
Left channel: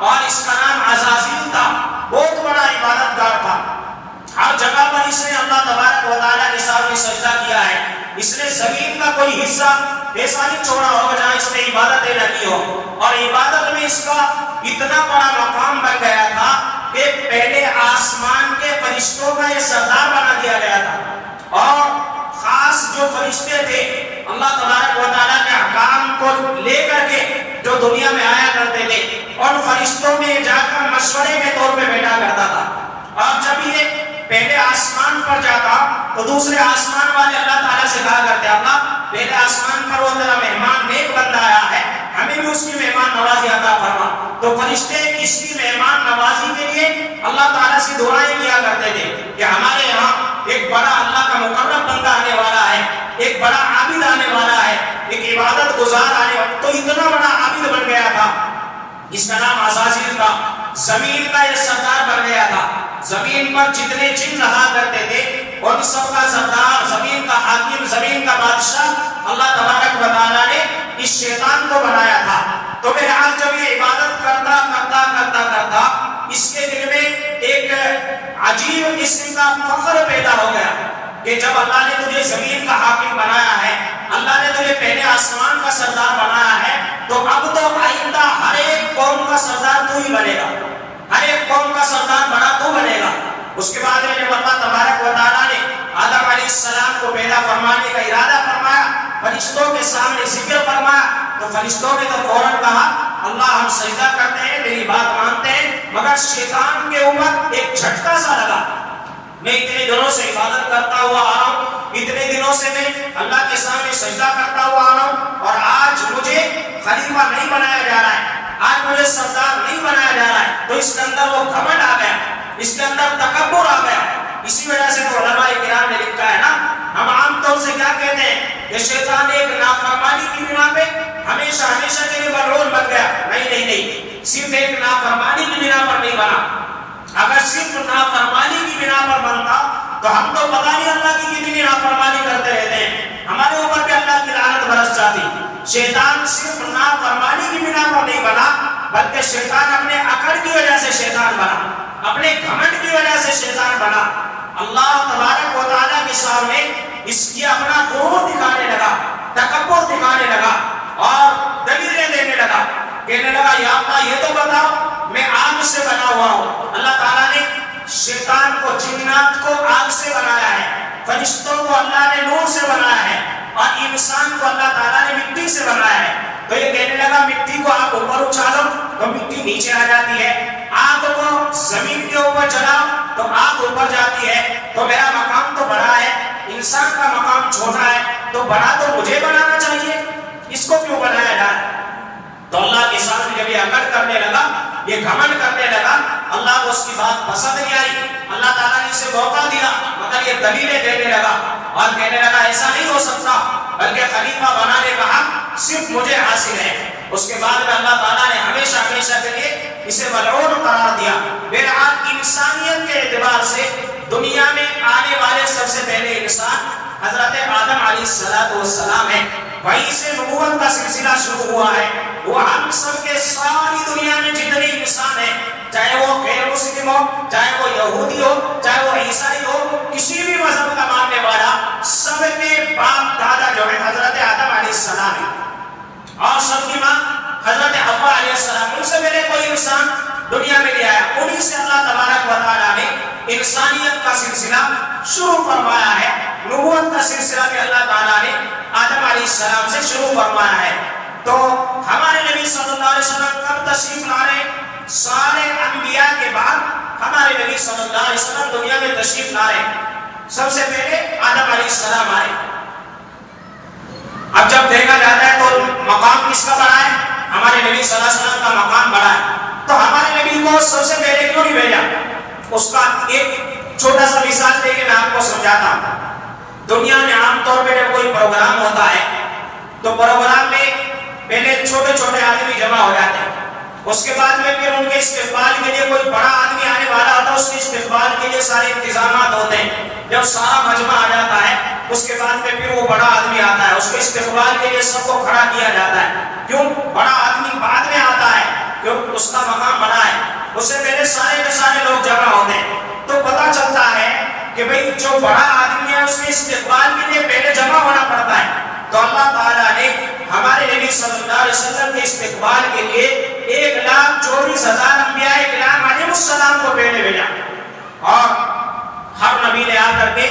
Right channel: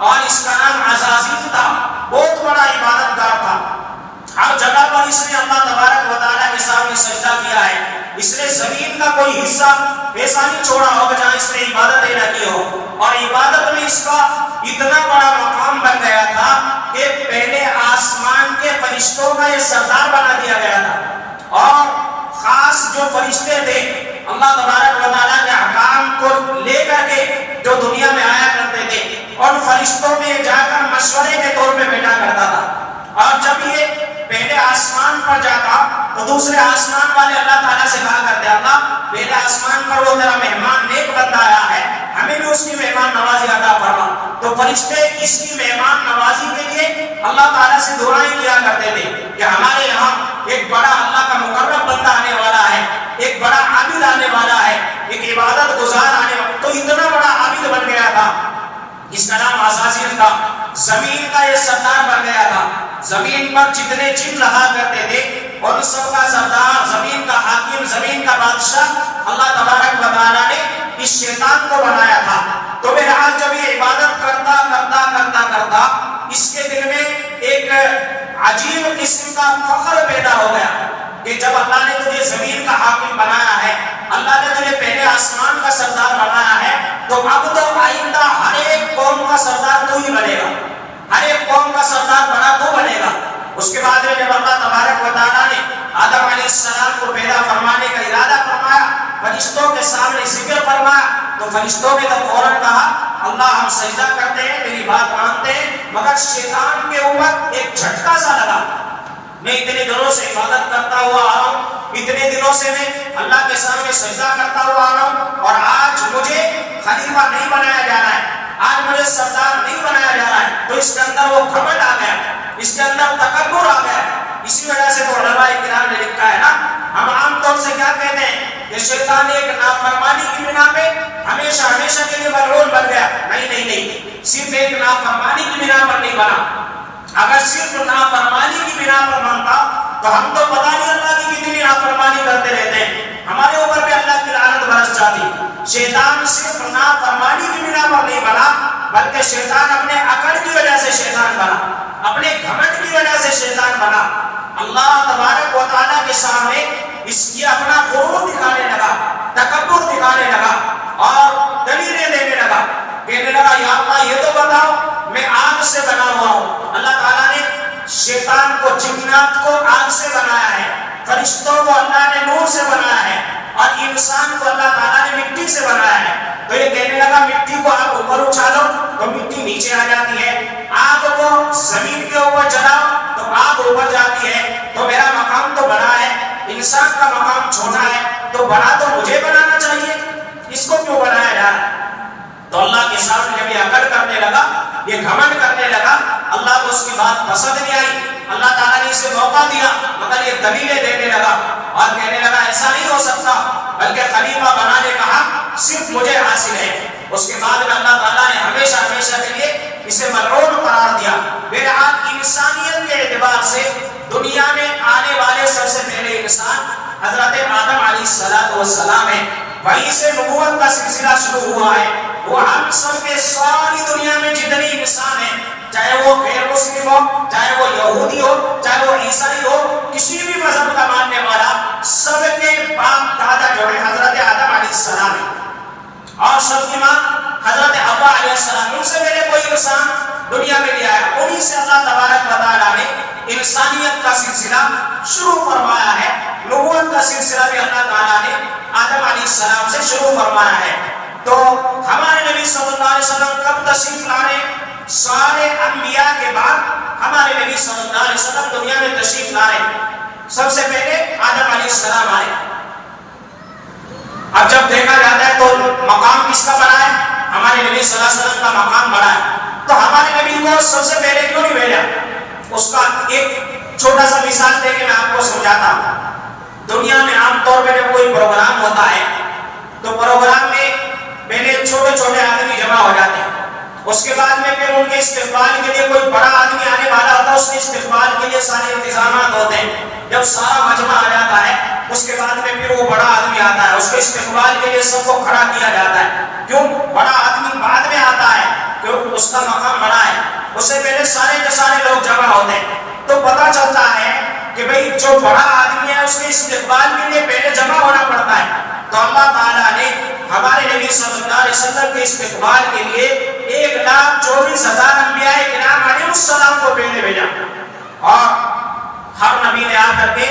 اور اس کا نام عزازیل تھا. بہت بڑا عبادت گار تھا. ہر جگہ پر اس نے اللہ تبارک و تعالیٰ کے سامنے سجدہ کیا ہے. اس نے زمین کا کوئی حصہ ایسا نہیں چھوڑا ہو جہاں اس نے عبادتیں نہ کی ہو، اور عبادت میں اس کا اتنا بڑا مقام بن گیا تھا کہ پہلے آسمان کے فرشتوں کا یہ سردار بنا دیا گیا تھا. اور خاص جو فرشتے تھے اللہ تبارک و تعالیٰ کے احکام کو لے کر کے جو دنیا میں آیا کرتے تھے، اور فرشتوں میں جا کر مشورے کے طور پہ بیٹھا کرتا تھا. اور جب یہ پہلے آسمان پر جاتا تو دوسرے آسمان والے اللہ تعالیٰ سے کہا کرتے اللہ پہلے آسمان پر وہ تیرا مہمان نیک بندہ آیا ہے، ہمیں بھی اس کی مہمان نوازی عطا فرما. تو فرشتے اس کی مہمان نوازی کے لیے اللہ تعالیٰ سے دعائیں کیا کرتے تھے کہ ہمارے یہاں ایک بڑا اللہ کا مقرب بندہ آنے والا ہے، ایک بڑا عابد آنے والا ہے، ایک عبادت گزار آنے والا. تو اتنا بڑا عابد بن گیا تھا، اس کا نام عزازیل تھا. زمین کا یہ سردار بن گیا تھا. زمین پر جتنے جن رہا کرتے تھے اور سب کا سردار، زمین کا حاکم، زمین کا بادشاہ اللہ تبارک و تعالیٰ نے اس شیطان کو بنایا تھا. تو بہرحال جب یہ عبادت کرتا اس کے دل میں ایک عجیب قسم کا فخر پیدا ہو گیا کہ جب اللہ نے تجھے زمین کا حاکم بنایا ہے، اللہ نے تجھے پہلے آسمان کا سردار بنایا ہے، تو اب تو آئندہ ہر ایک قوم کا سردار تو ہی بنے گا، ہر ایک قوم کا سردار بنا تو بنے گا. اس کے بعد میں جب اللہ تبارک و تعالیٰ نے آدم علیہ السلام کو پیدا فرمانے کا ارادہ فرمایا، فرشتوں کے سامنے ذکر فرمایا، تو فرشتوں نے تو فوراً کہا اللہ ہم سجدہ کرتے ہیں، میری بات مانتے ہیں. مگر شیطان کے اوپر ایک جھٹکا سا لگا. میں اتنے دنوں سے عبادت کرتا ہوا آ رہا ہوں، اتنے دنوں سے میں اللہ کے سامنے سجدہ کرتا ہوا آ رہا ہوں، اور آج مجھے خلیفہ نہیں بنایا جا رہا ہے، آج مجھے سردار نہیں بنایا جا رہا ہے. تو اس کے اندر وہ گھمنڈ آ گیا، اس کے اندر تکبر آ گیا. اسی وجہ سے تو علماء کرام نے لکھا ہے نا، ہم عام طور سے کیا کہتے ہیں کہ شیطان ایک نافرمانی کی بنا پہ ہمیشہ کے لیے ملعون بن گیا. نہیں، صرف ایک نافرمانی کی بنا پر نہیں بنا. اگر صرف نافرمانی کی بنا پر بنتا تو ہم تو پتہ نہیں اللہ کی کتنی نافرمانی کرتے رہتے ہیں، ہمارے اوپر بھی اللہ کی لعنت برس جاتی. شیطان صرف نافرمانی کی بنا پر نہیں بنا، بلکہ شیطان اپنے عقل کی وجہ سے شیطان بنا، اپنے گھمنڈ کی وجہ سے شیطان بنا. اللہ تبارک و تعالیٰ کے سامنے اس کی اپنا غرور دکھانے لگا، تکبر دکھانے لگا، اور دلیلیں دینے لگا، کہنے لگا یا اللہ یہ تو بتاؤ میں آگ سے بنا ہوا ہوں. اللہ تعالیٰ نے شیطان کو، جنات کو آگ سے بنایا ہے، فرشتوں کو اللہ نے نور سے بنایا ہے، اور انسان کو اللہ تعالیٰ نے مٹی سے بنایا ہے. تو یہ کہنے لگا مٹی کو آپ اوپر اچھالو تو مٹی نیچے آ جاتی ہے، آگ کو زمین کے اوپر جلاؤ تو آگ اوپر جاتی ہے. تو میرا مقام تو بڑا ہے، انسان کا مقام چھوٹا ہے، تو بڑا تو مجھے بنانا چاہیے، اس کو کیوں بنایا جا رہا ہے؟ تو اللہ کے سامنے جب یہ اکڑ کرنے لگا، یہ گھمنڈ کرنے لگا، اللہ کو اس کی بات پسند نہیں آئی. اللہ تعالیٰ نے اسے موقع دیا مگر یہ دلیلیں دینے لگا اور کہنے لگا ایسا نہیں ہو سکتا، بلکہ خلیفہ بنانے کا حق صرف مجھے حاصل ہے. اس کے بعد میں اللہ تعالیٰ نے ہمیشہ کے لیے اسے ملعون قرار دیا. بہرحال انسانیت کے اعتبار سے دنیا میں آنے والے سب سے پہلے انسان حضرت آدم علیہ السلام ہے. وہیں سے نبوت کا سلسلہ شروع ہوا ہے. وہ ہم سب کے ساری دنیا میں جتنے انسان ہیں، چاہے وہ غیر مسلم ہو، چاہے وہ یہودی ہو، چاہے وہ عیسائی ہو، کسی بھی مذہب کا ماننے والا، سب کے باپ دادا جو ہے حضرت آدم علیہ السلام ہے، اور سب کی ماں حضرت حوا علیہ السلام. ان سے میرے کوئی انسان دنیا میں لیا ہے، انہیں سے اللہ تبارک و تعالیٰ نے انسانیت کا سلسلہ شروع فرمایا ہے. نبوت کا سلسلہ بھی اللہ تعالیٰ نے آدم علیہ السلام سے شروع فرمایا ہے. تو ہمارے نبی صلی اللہ علیہ وسلم کب تشریف لائے؟ سارے انبیاء کے بعد ہمارے نبی صلی اللہ علیہ وسلم دنیا میں تشریف لائے. سب سے پہلے آدم علیہ السلام آئے. اب جب دیکھا جاتا ہے تو مقام کس کا بڑا ہے؟ ہمارے نبی صلی اللہ علیہ وسلم کا مقام بڑا ہے. تو ہمارے نبی کو سب سے پہلے کیوں نہیں بھیجا؟ اس کا ایک چھوٹا سا مثال دے کے میں آپ کو سمجھاتا ہوں. دنیا میں عام طور پہ جب کوئی پروگرام ہوتا ہے تو پروگرام میں پہلے چھوٹے چھوٹے آدمی جمع ہو جاتے ہیں، اس کے بعد میں پھر ان کے استقبال کے لیے کوئی بڑا آدمی آنے والا ہوتا ہے، اس کے استقبال کے لیے سارے انتظامات ہوتے ہیں. جب سارا مجمع آ جاتا ہے اس کے بعد میں پھر وہ بڑا آدمی آتا ہے، اس کے استقبال کے لیے سب کو کھڑا کیا جاتا ہے. کیوں؟ بڑا آدمی بعد میں آتا ہے، کیوں؟ اس کا مقام بڑا ہے. اس سے پہلے سارے کے سارے لوگ جمع ہوتے ہیں، تو پتہ چلتا ہے کہ بھئی جو بڑا آدمی ہے اس کے استقبال کے لیے پہلے جمع ہونا پڑتا ہے. تو اللہ تعالیٰ نے ہمارے نبی صلی اللہ علیہ وسلم کے استقبال کے لیے 1,24,000 انبیاء کرام علیہ السلام کو پہلے بھیجا، اور ہر نبی نے آ کر کے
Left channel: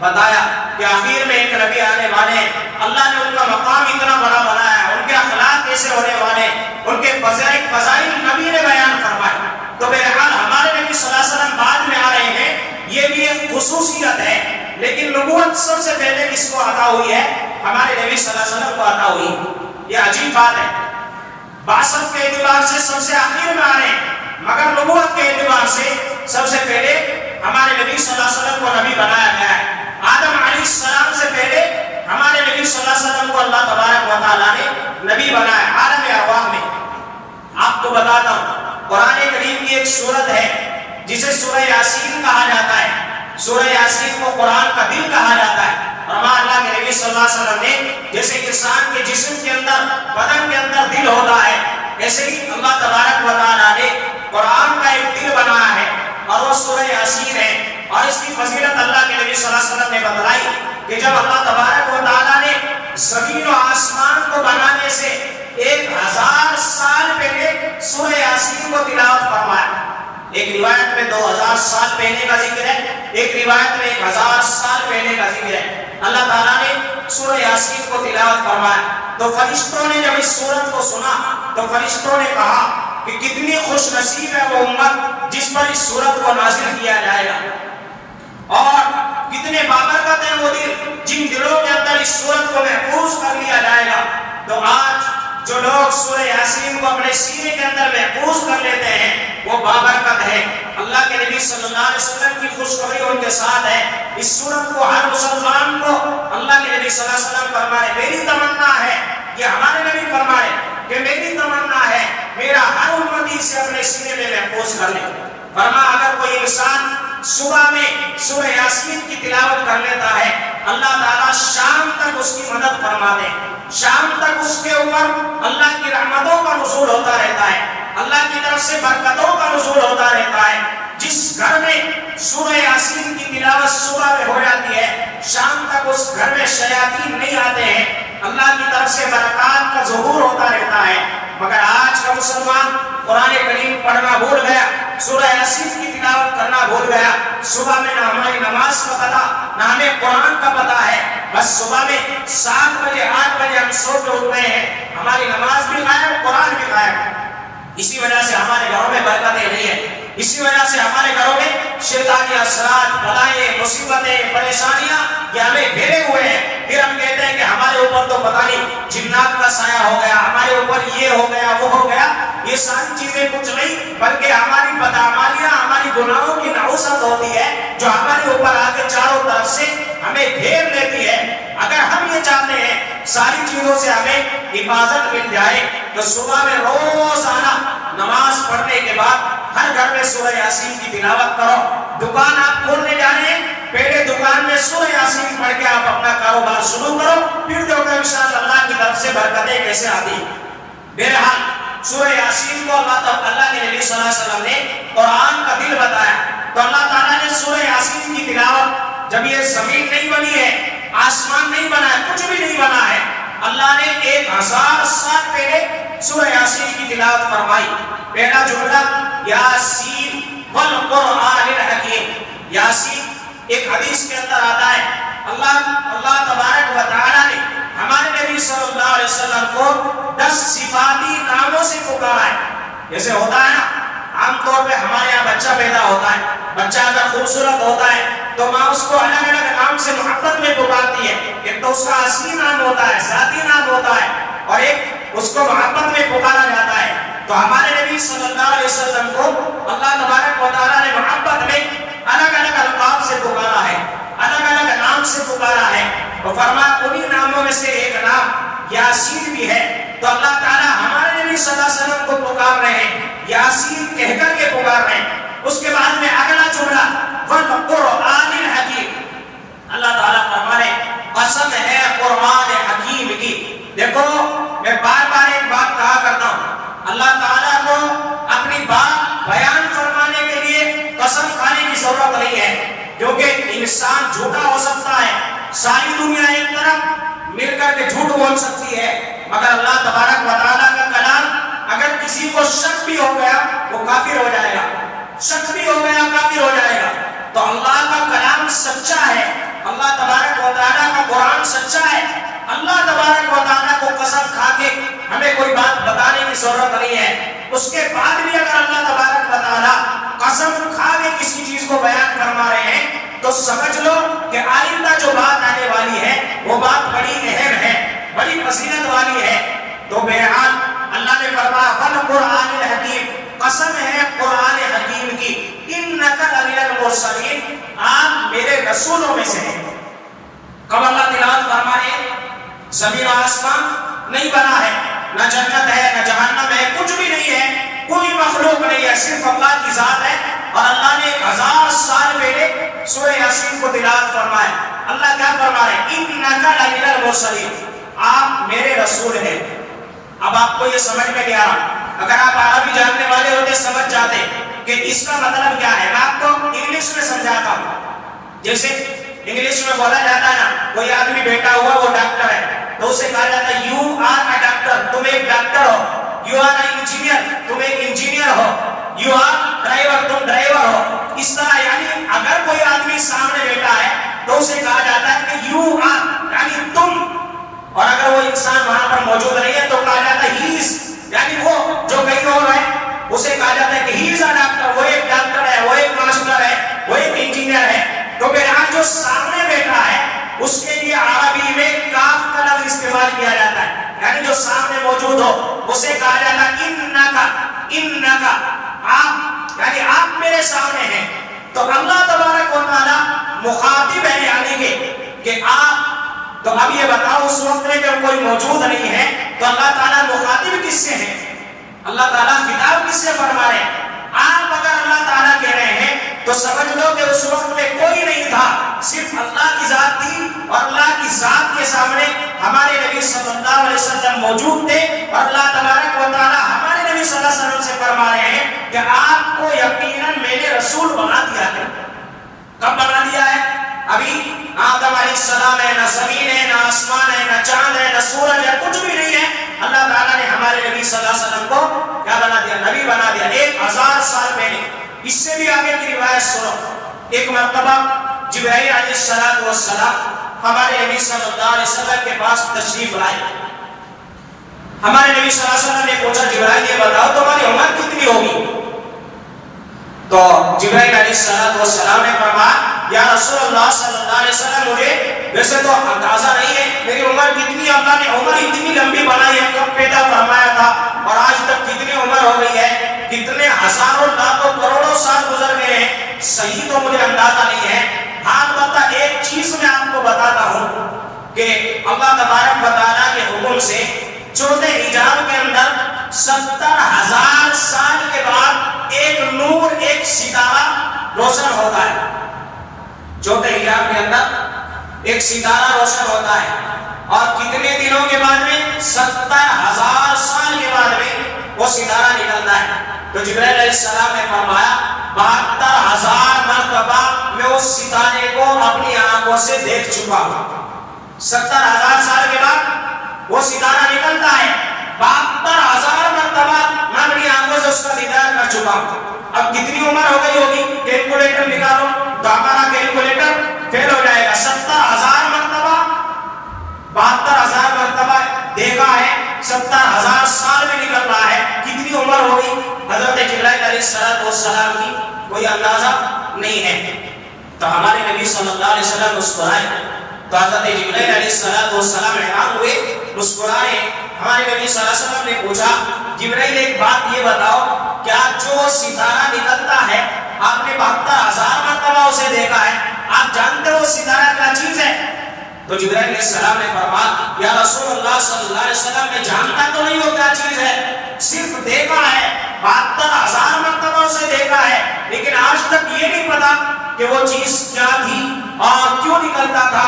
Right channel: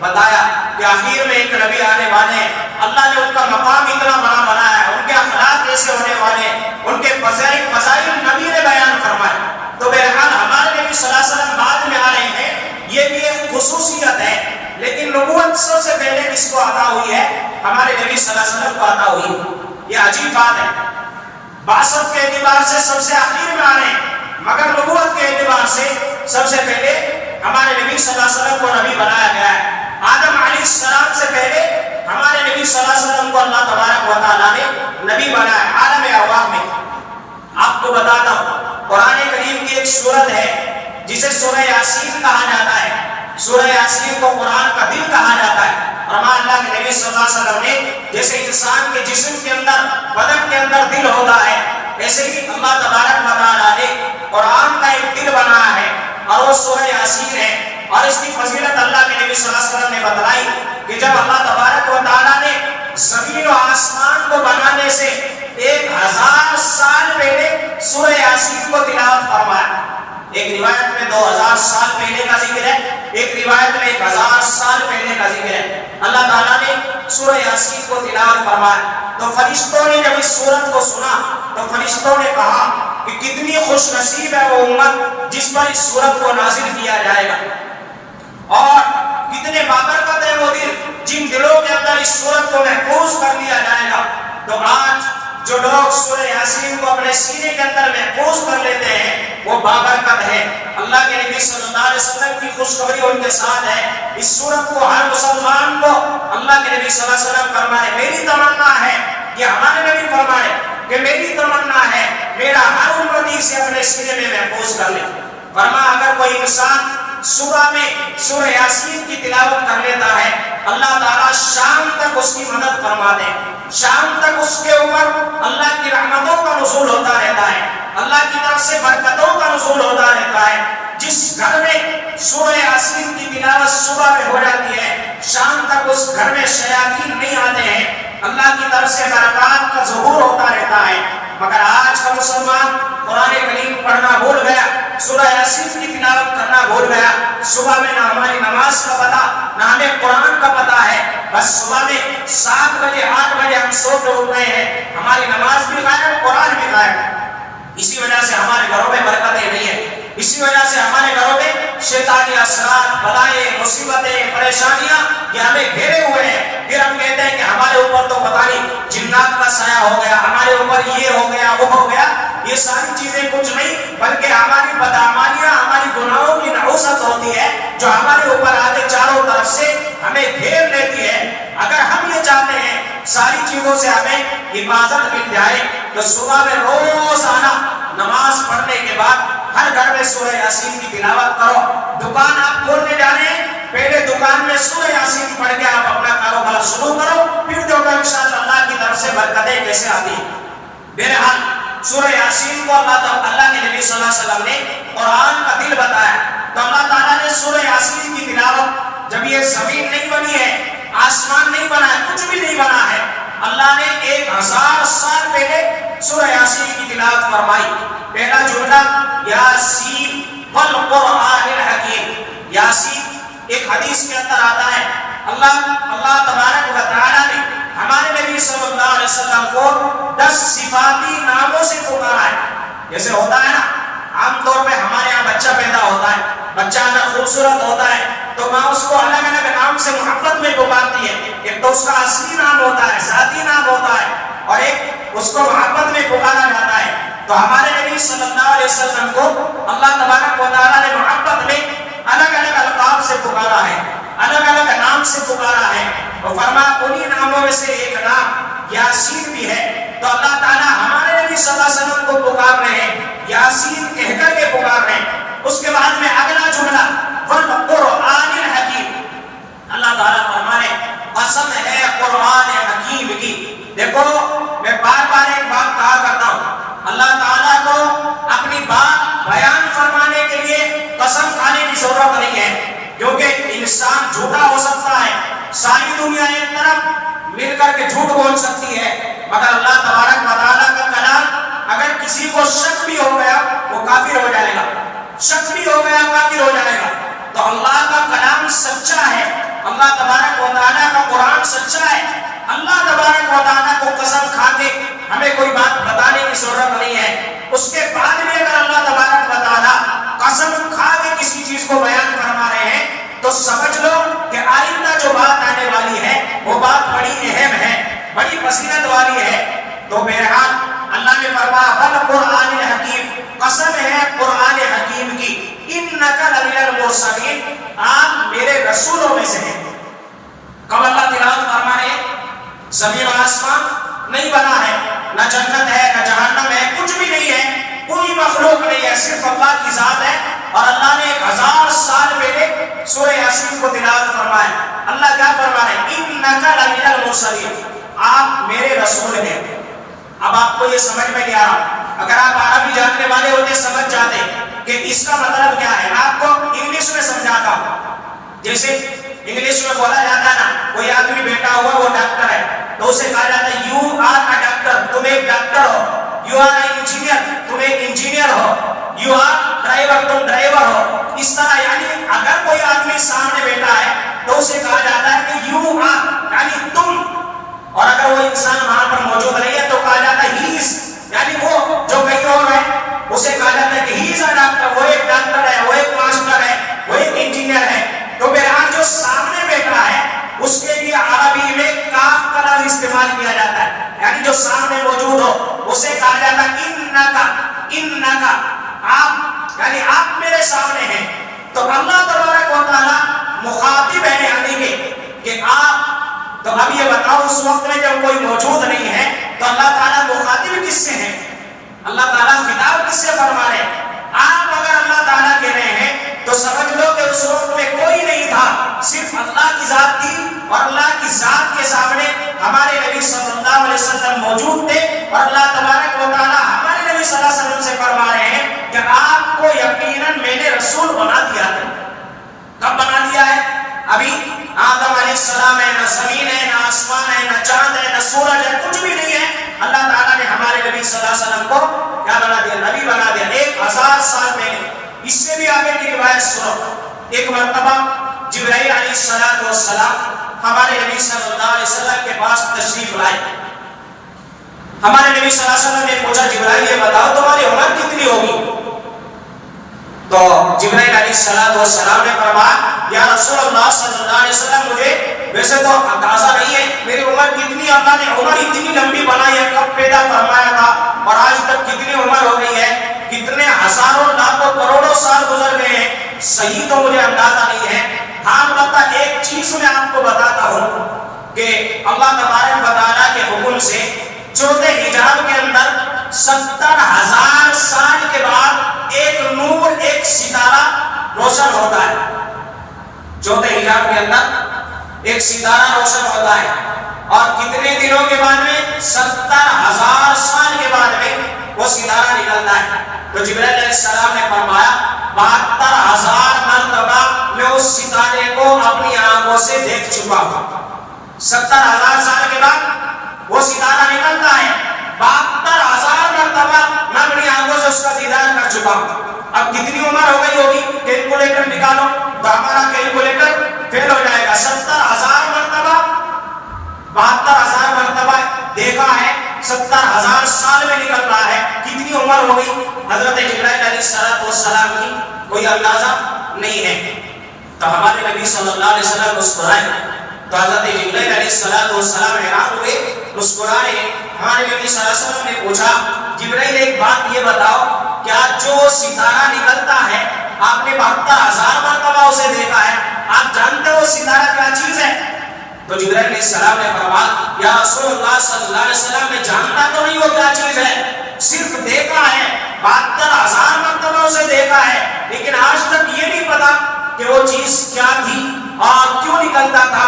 بتایا کہ آخر میں ایک نبی آنے والے ہیں، اللہ نے ان کا مقام اتنا بڑا بنایا ہے، ان کے اخلاق کیسے ہونے والے ہیں، ان کے فضائل نبی نے بیان فرمائے. تو بہرحال ہمارے نبی صلی اللہ علیہ وسلم بعد میں آ رہے ہیں، یہ بھی ایک خصوصیت ہے. لیکن نبوت سب سے پہلے کس کو عطا ہوئی ہے؟ ہمارے نبی صلی اللہ علیہ وسلم کو عطا ہوئی. یہ عجیب بات ہے، بعثت کے اعتبار سے سب سے آخر میں آ رہے ہیں، مگر نبوت کے اعتبار سے سب سے پہلے ہمارے نبی صلی اللہ علیہ وسلم کو نبی بنایا گیا ہے. آدم علیہ السلام سے پہلے ہمارے نبی صلی اللہ علیہ وسلم کو اللہ تبارک و تعالیٰ نے نبی بنایا عالم ارواح میں. آپ کو بتاتا ہوں، قرآن کریم کی ایک سورت ہے جسے سورہ یاسین کہا جاتا ہے. سورہ یاسین کو قرآن کا دل کہا جاتا ہے. فرمایا اللہ کے نبی صلی اللہ علیہ وسلم نے جیسے انسان کے جسم کے اندر، بدن کے اندر دل ہوتا ہے، ایسے ہی اللہ تبارک و تعالیٰ نے قرآن کا ایک دل بنایا ہے، اور وہ سورہ یاسین ہے. اور اس کی فضیلت اللہ کے نبی صلی اللہ علیہ وسلم نے بتلائی کہ جب اللہ تبارک و تعالیٰ نے زمین و آسمان کو بنانے سے 1000 سال پہلے سورہ یاسین کو تلاوت فرمایا. ایک روایت میں 2000 سال پہلے کا ذکر ہے، ایک روایت میں 1000 سال پہلے کا ذکر ہے. اللہ تعالیٰ نے سورہ یاسین کو تلاوت فرمایا. تو فرشتوں نے جب اس سورت کو سنا تو فرشتوں نے کہا کہ کتنی خوش نصیب ہے وہ امت جس پر اس سورت کو نازل کیا جائے گا، اور کتنے بابرکت ہیں وہ دل جن دلوں کے اندر اس سورت کو محفوظ کر لیا جائے گا. تو آج جو لوگ سورہ یاسین کو اپنے سینے کے اندر محفوظ کر لیتے ہیں وہ بابرکت ہے. اللہ کے نبی صلی اللہ علیہ وسلم کی خوشخبری ان کے ساتھ ہے. اس سورت کو ہر مسلمان کو اللہ کے نبی صلی اللہ علیہ وسلم فرمائے، میری تمنا ہے، یہ ہمارے نبی فرمائے کہ میری تمنا ہے میرا ہر امتی سے اپنے سینے میں محفوظ کر لے. فرمایا اگر کوئی انسان صبح میں سورہ یاسین کی تلاوت کر لیتا ہے، اللہ تعالیٰ شام تک اس کی مدد فرما دے. شام تک اس کے اوپر اللہ کی رحمتوں کا نزول ہوتا رہتا ہے، اللہ کی طرف سے برکتوں کا نزول ہوتا رہتا ہے. جس گھر میں سورہ یاسین کی تلاوت صبح میں ہو جاتی ہے، شام تک اس گھر میں شیاطین نہیں آتے ہیں، اللہ کی طرف سے برکات کا ظہور ہوتا رہتا ہے. مگر آج کا مسلمان قرآن کریم پڑھنا بھول گیا، سورہ یاسین کی تلاوت کرنا بھول گیا. صبح میں نہ ہماری نماز کا پتہ، نہ ہمیں قرآن کا پتہ ہے. بس صبح میں 7 بجے 8 بجے ہم سو کے اٹھ رہے ہیں، ہماری نماز بھی غائب، قرآن بھی غائب. اسی وجہ سے ہمارے گھروں میں برکتیں نہیں ہیں، اسی وجہ سے ہمارے گھروں میں شیطانی اثرات، بلائیں، مصیبتیں، پریشانیاں یہ ہمیں گھیرے ہوئے ہیں. پھر ہم کہتے ہیں کہ ہمارے اوپر تو پتہ نہیں جنات کا سایہ ہو گیا، ہمارے اوپر یہ ہو گیا وہ ہو گیا. یہ ساری چیزیں کچھ نہیں بلکہ ہماری بدعمالیاں، ہماری گناہوں کی نحوست ہوتی ہے جو ہمارے اوپر آ کے چاروں طرف سے ہمیں گھیر لیتی ہے. اگر ہم یہ چاہتے ہیں ساری چیزوں سے ہمیں حفاظت مل جائے تو صبح میں روزانہ نماز پڑھنے کے بعد ہر گھر میں سورہ یاسین کی تلاوت کرو. دکان آپ کھولنے جانے پہلے دکان میں سورہ یاسین پڑھ کے آپ اپنا کاروبار شروع کرو، پھر جو کہ انشاءاللہ اللہ کی طرف سے برکتیں کیسے آتی ہیں. بہرحال سورہ یاسین کو اللہ کے نبی صلی اللہ علیہ وسلم نے قرآن کا دل بتایا. تو اللہ تعالیٰ نے سورہ یاسین کی تلاوت، جب یہ زمین نہیں بنی ہے، آسمان نہیں بنا ہے، کچھ بھی نہیں بنا ہے، اللہ نے 1000 سال پہلے سورہ یاسین کی تلاوت فرمائی. پہلا جملہ یاسین والقرآن الحکیم. یاسین ایک حدیث کے اندر آتا ہے اللہ تبارک و تعالیٰ نے ہمارے نبی صلی اللہ علیہ وسلم کو 10 صفاتی ناموں سے پکارا ہے. جیسے ہوتا ہے نا عام طور پہ ہمارے یہاں بچہ پیدا ہوتا ہے، بچہ اگر خوبصورت ہوتا ہے تو ماں اس کو الگ الگ نام سے محبت میں پکارتی ہے. ایک تو اس کا اصلی نام ہوتا ہے، ذاتی نام ہوتا ہے، اور ایک اس کو محبت میں پکارا جاتا ہے. تو ہمارے نبی صلی اللہ علیہ وسلم کو اللہ تبارک و تعالیٰ نے محبت میں الگ الگ القاب سے پکارا ہے، الگ الگ نام سے پکارا ہے. تو فرمایا انہی ناموں میں سے ایک نام یاسین بھی ہے. تو اللہ تعالیٰ ہمارے نبی صلی اللہ علیہ وسلم کو پکار رہے ہیں، یاسین کہہ کر کے پکار رہے ہیں۔ اس کے بعد میں اگلا جملہ والقرآن الحکیم، اللہ تعالیٰ فرما رہے قسم ہے قرآن حکیم کی۔ دیکھو میں بار بار ایک بات کہا کرتا ہوں، اللہ تعالیٰ کو اپنی بات بیان فرمانے کے لیے قسم کھانے کی ضرورت نہیں ہے، کیونکہ انسان جھوٹا ہو سکتا ہے، ساری دنیا ایک طرف مل کر کے جھوٹ بول سکتی ہے، مگر اللہ تبارک و تعالیٰ کا کلام اگر کسی کو شک بھی ہو گیا وہ کافر ہو جائے گا، شک بھی ہو گیا کافر ہو جائے گا۔ تو اللہ کا کلام سچا ہے، اللہ تبارک و تعالیٰ کا قرآن سچا ہے۔ اللہ تبارک و تعالیٰ کو قسم کھا کے ہمیں کوئی بات بتانے کی ضرورت نہیں ہے، اس کے بعد بھی اگر اللہ تبارک و تعالیٰ قسم کھا کے کسی چیز کو بیان فرما رہے ہیں تو سمجھ لو کہ آئندہ جو بات آنے والی ہے وہ بات بڑی اہم ہے، بڑی فضیلت والی ہے۔ تو بہرحال اللہ نے فرمایا والقرآن الحکیم، قسم ہے قرآن حکیم کی، انک لمن المرسلین، آپ میرے رسولوں میں سے ہیں۔ کب اللہ تلاوت فرما رہے ہیں زمین و آسمان نہیں بنا ہے، نہ جنت ہے نہ جہنم ہے، کچھ بھی نہیں ہے، کوئی مخلوق نہیں ہے، صرف اللہ کی ذات ہے۔ اور اللہ نے 1000 سال پہلے سورہ یاسین کو تلاوت فرمایا، اللہ کیا فرما رہے ہیں انک لمن المرسلین، آپ میرے رسول ہیں۔ اب آپ کو یہ سمجھ میں گیا، اگر آپ عربی جاننے والے ہوتے سمجھ جاتے کہ اس کا مطلب کیا ہے۔ میں آپ کو انگلش میں سمجھاتا ہوں، جیسے انگلش میں بولا جاتا ہے نا، کوئی آدمی بیٹھا ہوا وہ ڈاکٹر ہے تو اسے کہا جاتا ہے یو آر اے ڈاکٹر، تم ایک ڈاکٹر ہو، یو آر اے انجینئر، تم ایک انجینئر ہو، یو آر ڈرائیور، تم ڈرائیور ہو۔ اس طرح یعنی اگر کوئی آدمی سامنے بیٹھا ہے تو اسے کہا جاتا ہے کہ یو آر یعنی تم، اور اگر وہ انسان وہاں پر موجود نہیں ہے تو کہا جاتا ہے ہی از، یعنی وہ جو کہیں اور ہے اسے کہا جاتا ہے کہ ہی از اے ڈاکٹر، وہ ایک ڈاکٹر ہے، وہ ایک ماسٹر ہے، وہ ایک انجینئر ہے۔ تو بہرحال جو سامنے بیٹھا ہے اس کے لیے عربی میں کاف کا لفظ استعمال کیا جاتا ہے، یعنی جو سامنے موجود ہو اسے کہا جاتا ہے انکا، آپ یعنی آپ میرے سامنے ہیں۔ تو اللہ تبارک و تعالیٰ مخاطب ہے یعنی کہ آپ، تو اب یہ بتاؤ اس وقت میں جب کوئی موجود نہیں ہے تو اللہ تعالیٰ مخاطب کس سے ہے، اللہ تعالیٰ خطاب کس سے فرما رہے ہیں؟ آپ اگر اللہ تعالیٰ کہہ رہے ہیں تو سمجھ لو کہ اس وقت میں کوئی نہیں تھا، صرف اللہ کی ذات تھی، اور اللہ کی ذات کے سامنے ہمارے نبی صلی اللہ علیہ وسلم موجود تھے، اور اللہ تبارک و تعالیٰ ہمارے نبی صلی اللہ علیہ وسلم سے فرما رہے ہیں کہ آپ کو یقیناً میں نے رسول بنا دیا ہے۔ کب بنا دیا ہے؟ ابھی آدم علیہ السلام ہے، نہ زمین ہے، نہ آسمان ہے، نہ چاند ہے، نہ سورج ہے، کچھ بھی نہیں ہے، اللہ تعالیٰ نے ہمارے نبی صلی اللہ علیہ وسلم کو کیا بنا دیا؟ نبی بنا دیا۔ 1000 سال پہلے، اس سے بھی آگے کی روایت سنو، ایک مرتبہ جبرائیل علیہ السلام ہمارے نبی صلی اللہ علیہ وسلم کے پاس تشریف لائے۔ ہمارے نبی صلی اللہ علیہ وسلم نے پوچھا جبرائیل یہ بتاؤ تمہاری عمر کتنی ہوگی؟ تو جبرائیل علیہ السلام نے فرمایا یا رسول اللہ صلی اللہ علیہ وسلم مجھے ویسے تو اندازہ نہیں ہے میری عمر کتنی، اللہ نے عمر اتنی لمبی بنائی ہے، کب پیدا فرمایا تھا اور آج تک کتنی عمر ہو گئی ہے، کتنے ہزاروں لاکھوں کروڑوں سال گزر گئے ہیں، صحیح تو مجھے اندازہ نہیں ہے۔ ہاں البتہ ایک چیز میں آپ کو بتاتا ہوں کہ اللہ تبارک و تعالیٰ کے حکم سے چوتھے حجاب کے اندر 70,000 سال کے بعد ایک نور، ایک ستارہ روشن ہوتا ہے۔ چوتھے حجاب کے اندر ایک ستارہ روشن ہوتا ہے، اور کتنے دنوں کے بعد میں 70,000 سال کے بعد میں وہ ستارہ نکلتا ہے۔ تو جبرائیل علیہ السلام نے فرمایا 72,000 مرتبہ میں اس ستارے کو اپنی آنکھوں سے دیکھ چکا ہوں۔ 70,000 سال کے بعد وہ ستارہ نکلتا ہے، 72,000 مرتبہ میں اپنی آنکھوں سے اس کا دیدار کر چکا ہوں۔ اب کتنی عمر ہو گئی ہوگی؟ کیلکولیٹر نکالو تو ہمارا کیلکولیٹر فیل ہو جائے گا۔ 70,000 مرتبہ، 72,000 مرتبہ دیکھا ہے، 70,000 سال میں نکل رہا ہے، کتنی عمر ہو گئی؟ حضرت جبرائیل علیہ السلام کی کوئی اندازہ نہیں ہے۔ تو ہمارے نبی صلی اللہ علیہ وسلم مسکرائے، تو حضرت جبرائیل علیہ السلام حیران ہوئے، مسکرائے۔ ہمارے نبی صلی اللہ علیہ وسلم نے پوچھا جبرائیل ایک بات یہ بتاؤ، کیا جو ستارہ نکلتا ہے آپ نے 72,000 مرتبہ اسے دیکھا ہے، آپ جانتے ہو ستارہ کیا چیز ہے؟ تو جبرائیل علیہ السلام نے فرمایا یا رسول اللہ صلی اللہ علیہ وسلم نے جانتا تو نہیں وہ کیا چیز ہے، صرف دیکھا ہے، 72,000 مرتبہ اسے دیکھا ہے، لیکن آج تک یہ نہیں پتا کہ وہ چیز کیا تھی اور کیوں نکلتا تھا،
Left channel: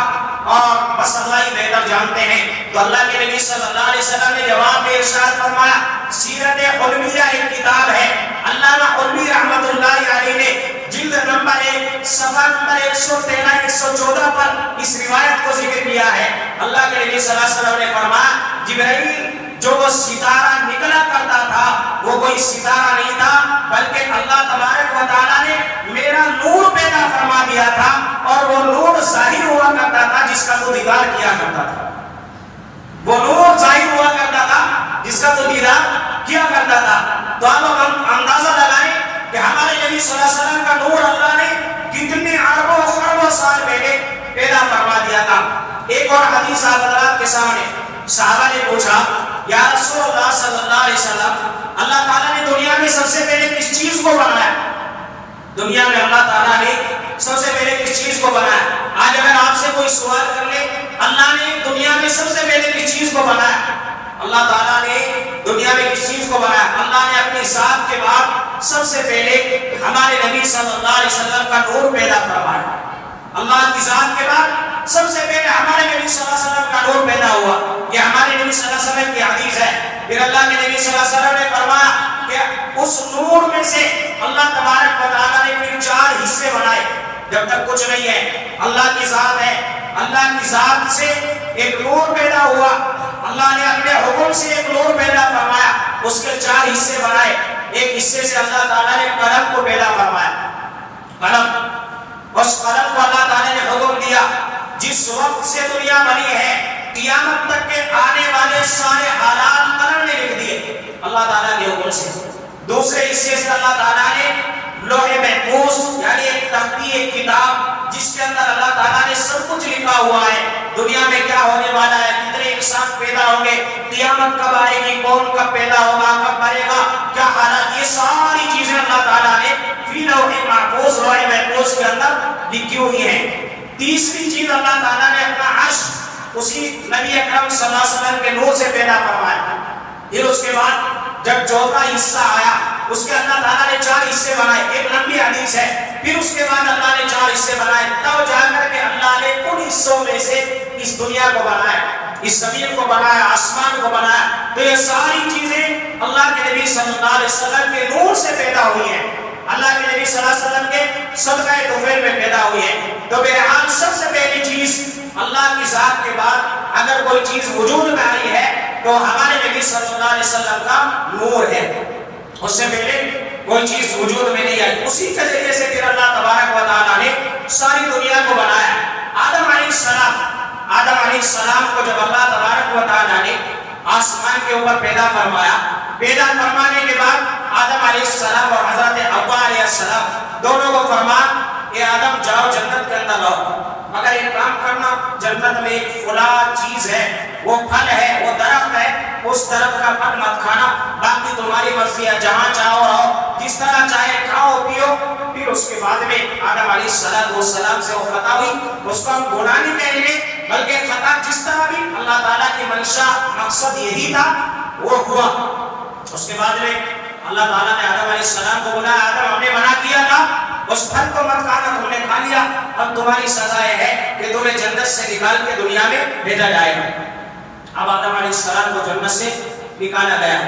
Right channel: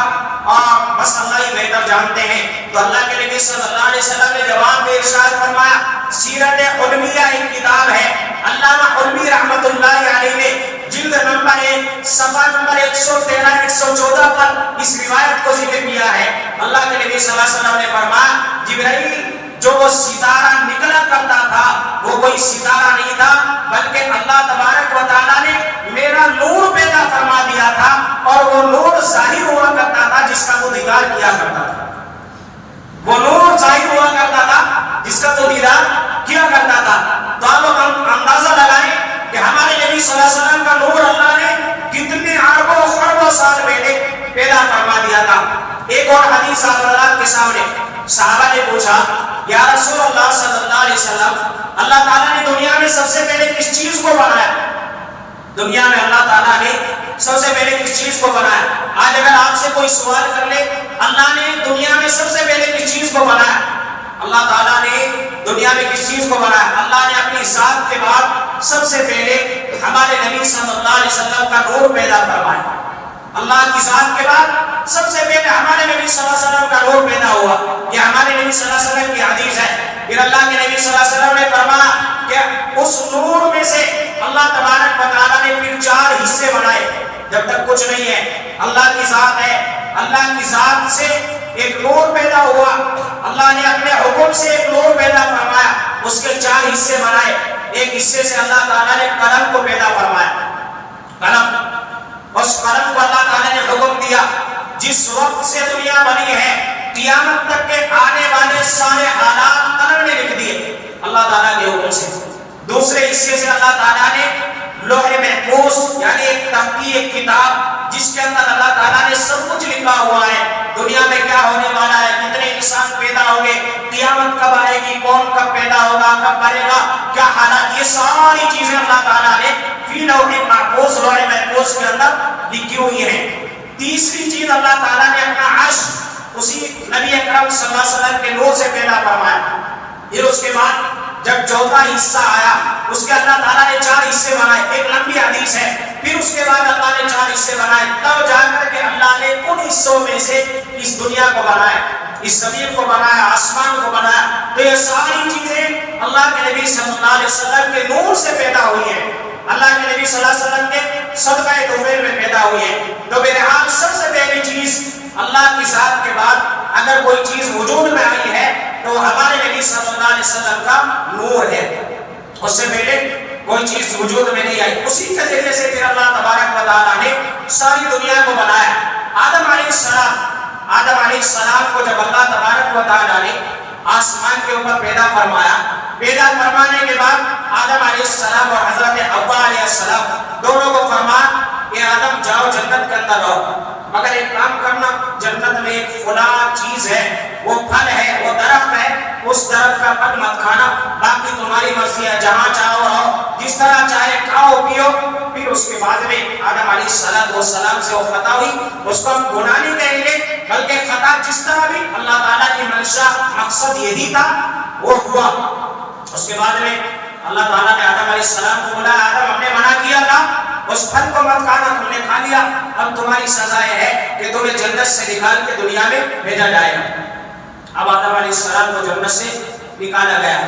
اور بس اللہ ہی بہتر جانتے ہیں۔ تو اللہ کے نبی صلی اللہ علیہ وسلم نے جواب میں ارشاد فرمایا، سیرت حلمیہ ایک کتاب ہے، علامہ حلمی رحمۃ اللہ علیہ نے جلد نمبر 1 صفحہ نمبر 113 114 پر اس روایت کو ذکر کیا ہے۔ اللہ کے نبی صلی اللہ علیہ وسلم نے فرمایا جبرائیل جو وہ ستارہ نکلا کرتا تھا وہ کوئی ستارہ نہیں تھا، بلکہ اللہ تبارک و تعالیٰ نے میرا نور پیدا فرما دیا تھا، اور وہ نور ظاہر ہوا کرتا تھا جس کا تو دیدار کیا کرتا تھا، وہ نور ظاہر ہوا کرتا تھا جس کا تو دیدار کیا کرتا تھا۔ تو ہم اندازہ لگائیں کہ ہمارے نبی صلی اللہ علیہ وسلم کا نور اللہ نے کتنے اربوں خربوں سال پہلے پیدا فرما دیا تھا۔ ایک اور حدیث حضرات کے سامنے صحابہ نے پوچھا یا رسول اللہ صلی اللہ علیہ وسلم، اللہ تعالیٰ نے دنیا میں سب سے پہلے کس چیز کو بنایا؟ دنیا میں اللہ تعالیٰ نے سب سے پہلے کس چیز کو بنایا؟ آج اگر آپ سے کوئی سوال کر لے اللہ نے دنیا میں سب سے پہلے کس چیز کو بنایا، اللہ تعالیٰ نے دنیا میں کس چیز کو بنایا؟ اللہ نے اپنی ذات کے بعد سب سے پہلے ہمارے نبی صلی اللہ علیہ وسلم کا نور پیدا فرمایا۔ اللہ کی ذات کے بعد سب سے پہلے ہمارے نبی صلی اللہ علیہ وسلم کا نور پیدا ہوا، یہ ہمارے نبی صلی اللہ علیہ وسلم کی حدیث ہے۔ پھر اللہ کے نبی صلی اللہ علیہ وسلم نے فرمایا کہ اس نور میں سے اللہ تبارک و تعالیٰ نے پھر 4 حصے بنائے۔ جب تک کچھ نہیں ہے، اللہ کی ذات ہے، اللہ کی ذات سے ایک نور پیدا ہوا، اللہ نے اپنے حکم سے ایک نور پیدا فرمایا، اس کے 4 حصے بنائے۔ ایک حصے سے اللہ تعالیٰ نے قلم کو پیدا فرمایا، قلم، اس قلم کو اللہ تعالیٰ نے حکم دیا جس وقت سے دنیا بنی ہے قیامت تک کے آنے والے سارے حالات قلم نے لکھ دیے اللہ تعالیٰ کے حکم سے۔ دوسرے حصے سے اللہ تعالیٰ نے لوح محفوظ یعنی ایک تختی، ایک کتاب جس کے اندر اللہ تعالیٰ نے سب کچھ لکھا ہوا ہے، دنیا میں کیا ہونے والا ہے، کتنے انسان پیدا ہوں گے، قیامت کب آئے گی، کون کب پیدا ہوگا، کب مرے گا، کیا حالات، یہ ساری چیزیں اللہ تعالیٰ نے فی لوح محفوظ، لوح محفوظ کے اندر لکھی ہوئی ہیں۔ تیسری چیز اللہ تعالیٰ نے اپنا عرش اسی نبی اکرم صلی اللہ علیہ وسلم کے نور سے پیدا فرمایا۔ پھر اس کے بعد جب 4واں حصہ آیا اس کے اللہ تعالیٰ نے 4 حصے بنائے، ایک لمبی حدیث ہے۔ پھر اس کے بعد اللہ نے 4 حصے بنائے، تب جا کر کے اللہ نے ان حصوں میں سے اس دنیا کو بنایا، اس زمین کو بنایا، آسمان کو بنایا۔ تو یہ ساری چیزیں اللہ کے نبی صلی اللہ علیہ وسلم کے نور سے پیدا ہوئی ہیں، اللہ کے نبی صلی اللہ علیہ وسلم کے صدقہ طفیل میں پیدا ہوئی ہے۔ تو بہرحال سب سے پہلی چیز اللہ کی ذات کے بعد اگر کوئی چیز وجود میں آئی ہے تو ہمارے نبی صلی اللہ علیہ وسلم کا نور ہے، اس سے پہلے کوئی چیز وجود میں نہیں آئی۔ اسی کے ذریعے سے پھر اللہ تبارک و تعالیٰ نے ساری دنیا کو بنایا۔ آدم علیہ السلام کو جب اللہ تبارک و تعالیٰ نے آسمان کے اوپر پیدا فرمایا، پیدا فرمانے کے بعد آدم علیہ السلام اور حضرت حوا علیہ السلام دونوں کو فرمایا کہ آدم جاؤ جنت کے اندر رہو، مگر ایک کام کرنا، جنت میں ایک فلاں چیز ہے، وہ پھل ہے، وہ درخت ہے، اس درخت کا پھل مت کھانا، باقی تمہاری مرضی ہے، جہاں چاہو رہو، جس طرح چاہے کھاؤ پیو۔ پھر اس کے بعد میں آدم علیہ السلام سے وہ خطا ہوئی، اس کو ہم گناہ نہیں کہیں گے بلکہ خطا جس طرح بھی اللہ تعالیٰ کی منشا مقصد یہی تھا وہ ہوا۔ اس کے بعد میں اللہ تعالیٰ نے آدم علیہ السلام کو بولا آدم ہم نے منع کیا تھا اس پھل کو مت کھانا، تم نے کھا لیا، اب تمہاری سزا یہ ہے کہ تمہیں جنت سے نکال کے دنیا میں بھیجا جائے گا۔ اب آدم علیہ السلام کو جنت سے نکالا گیا،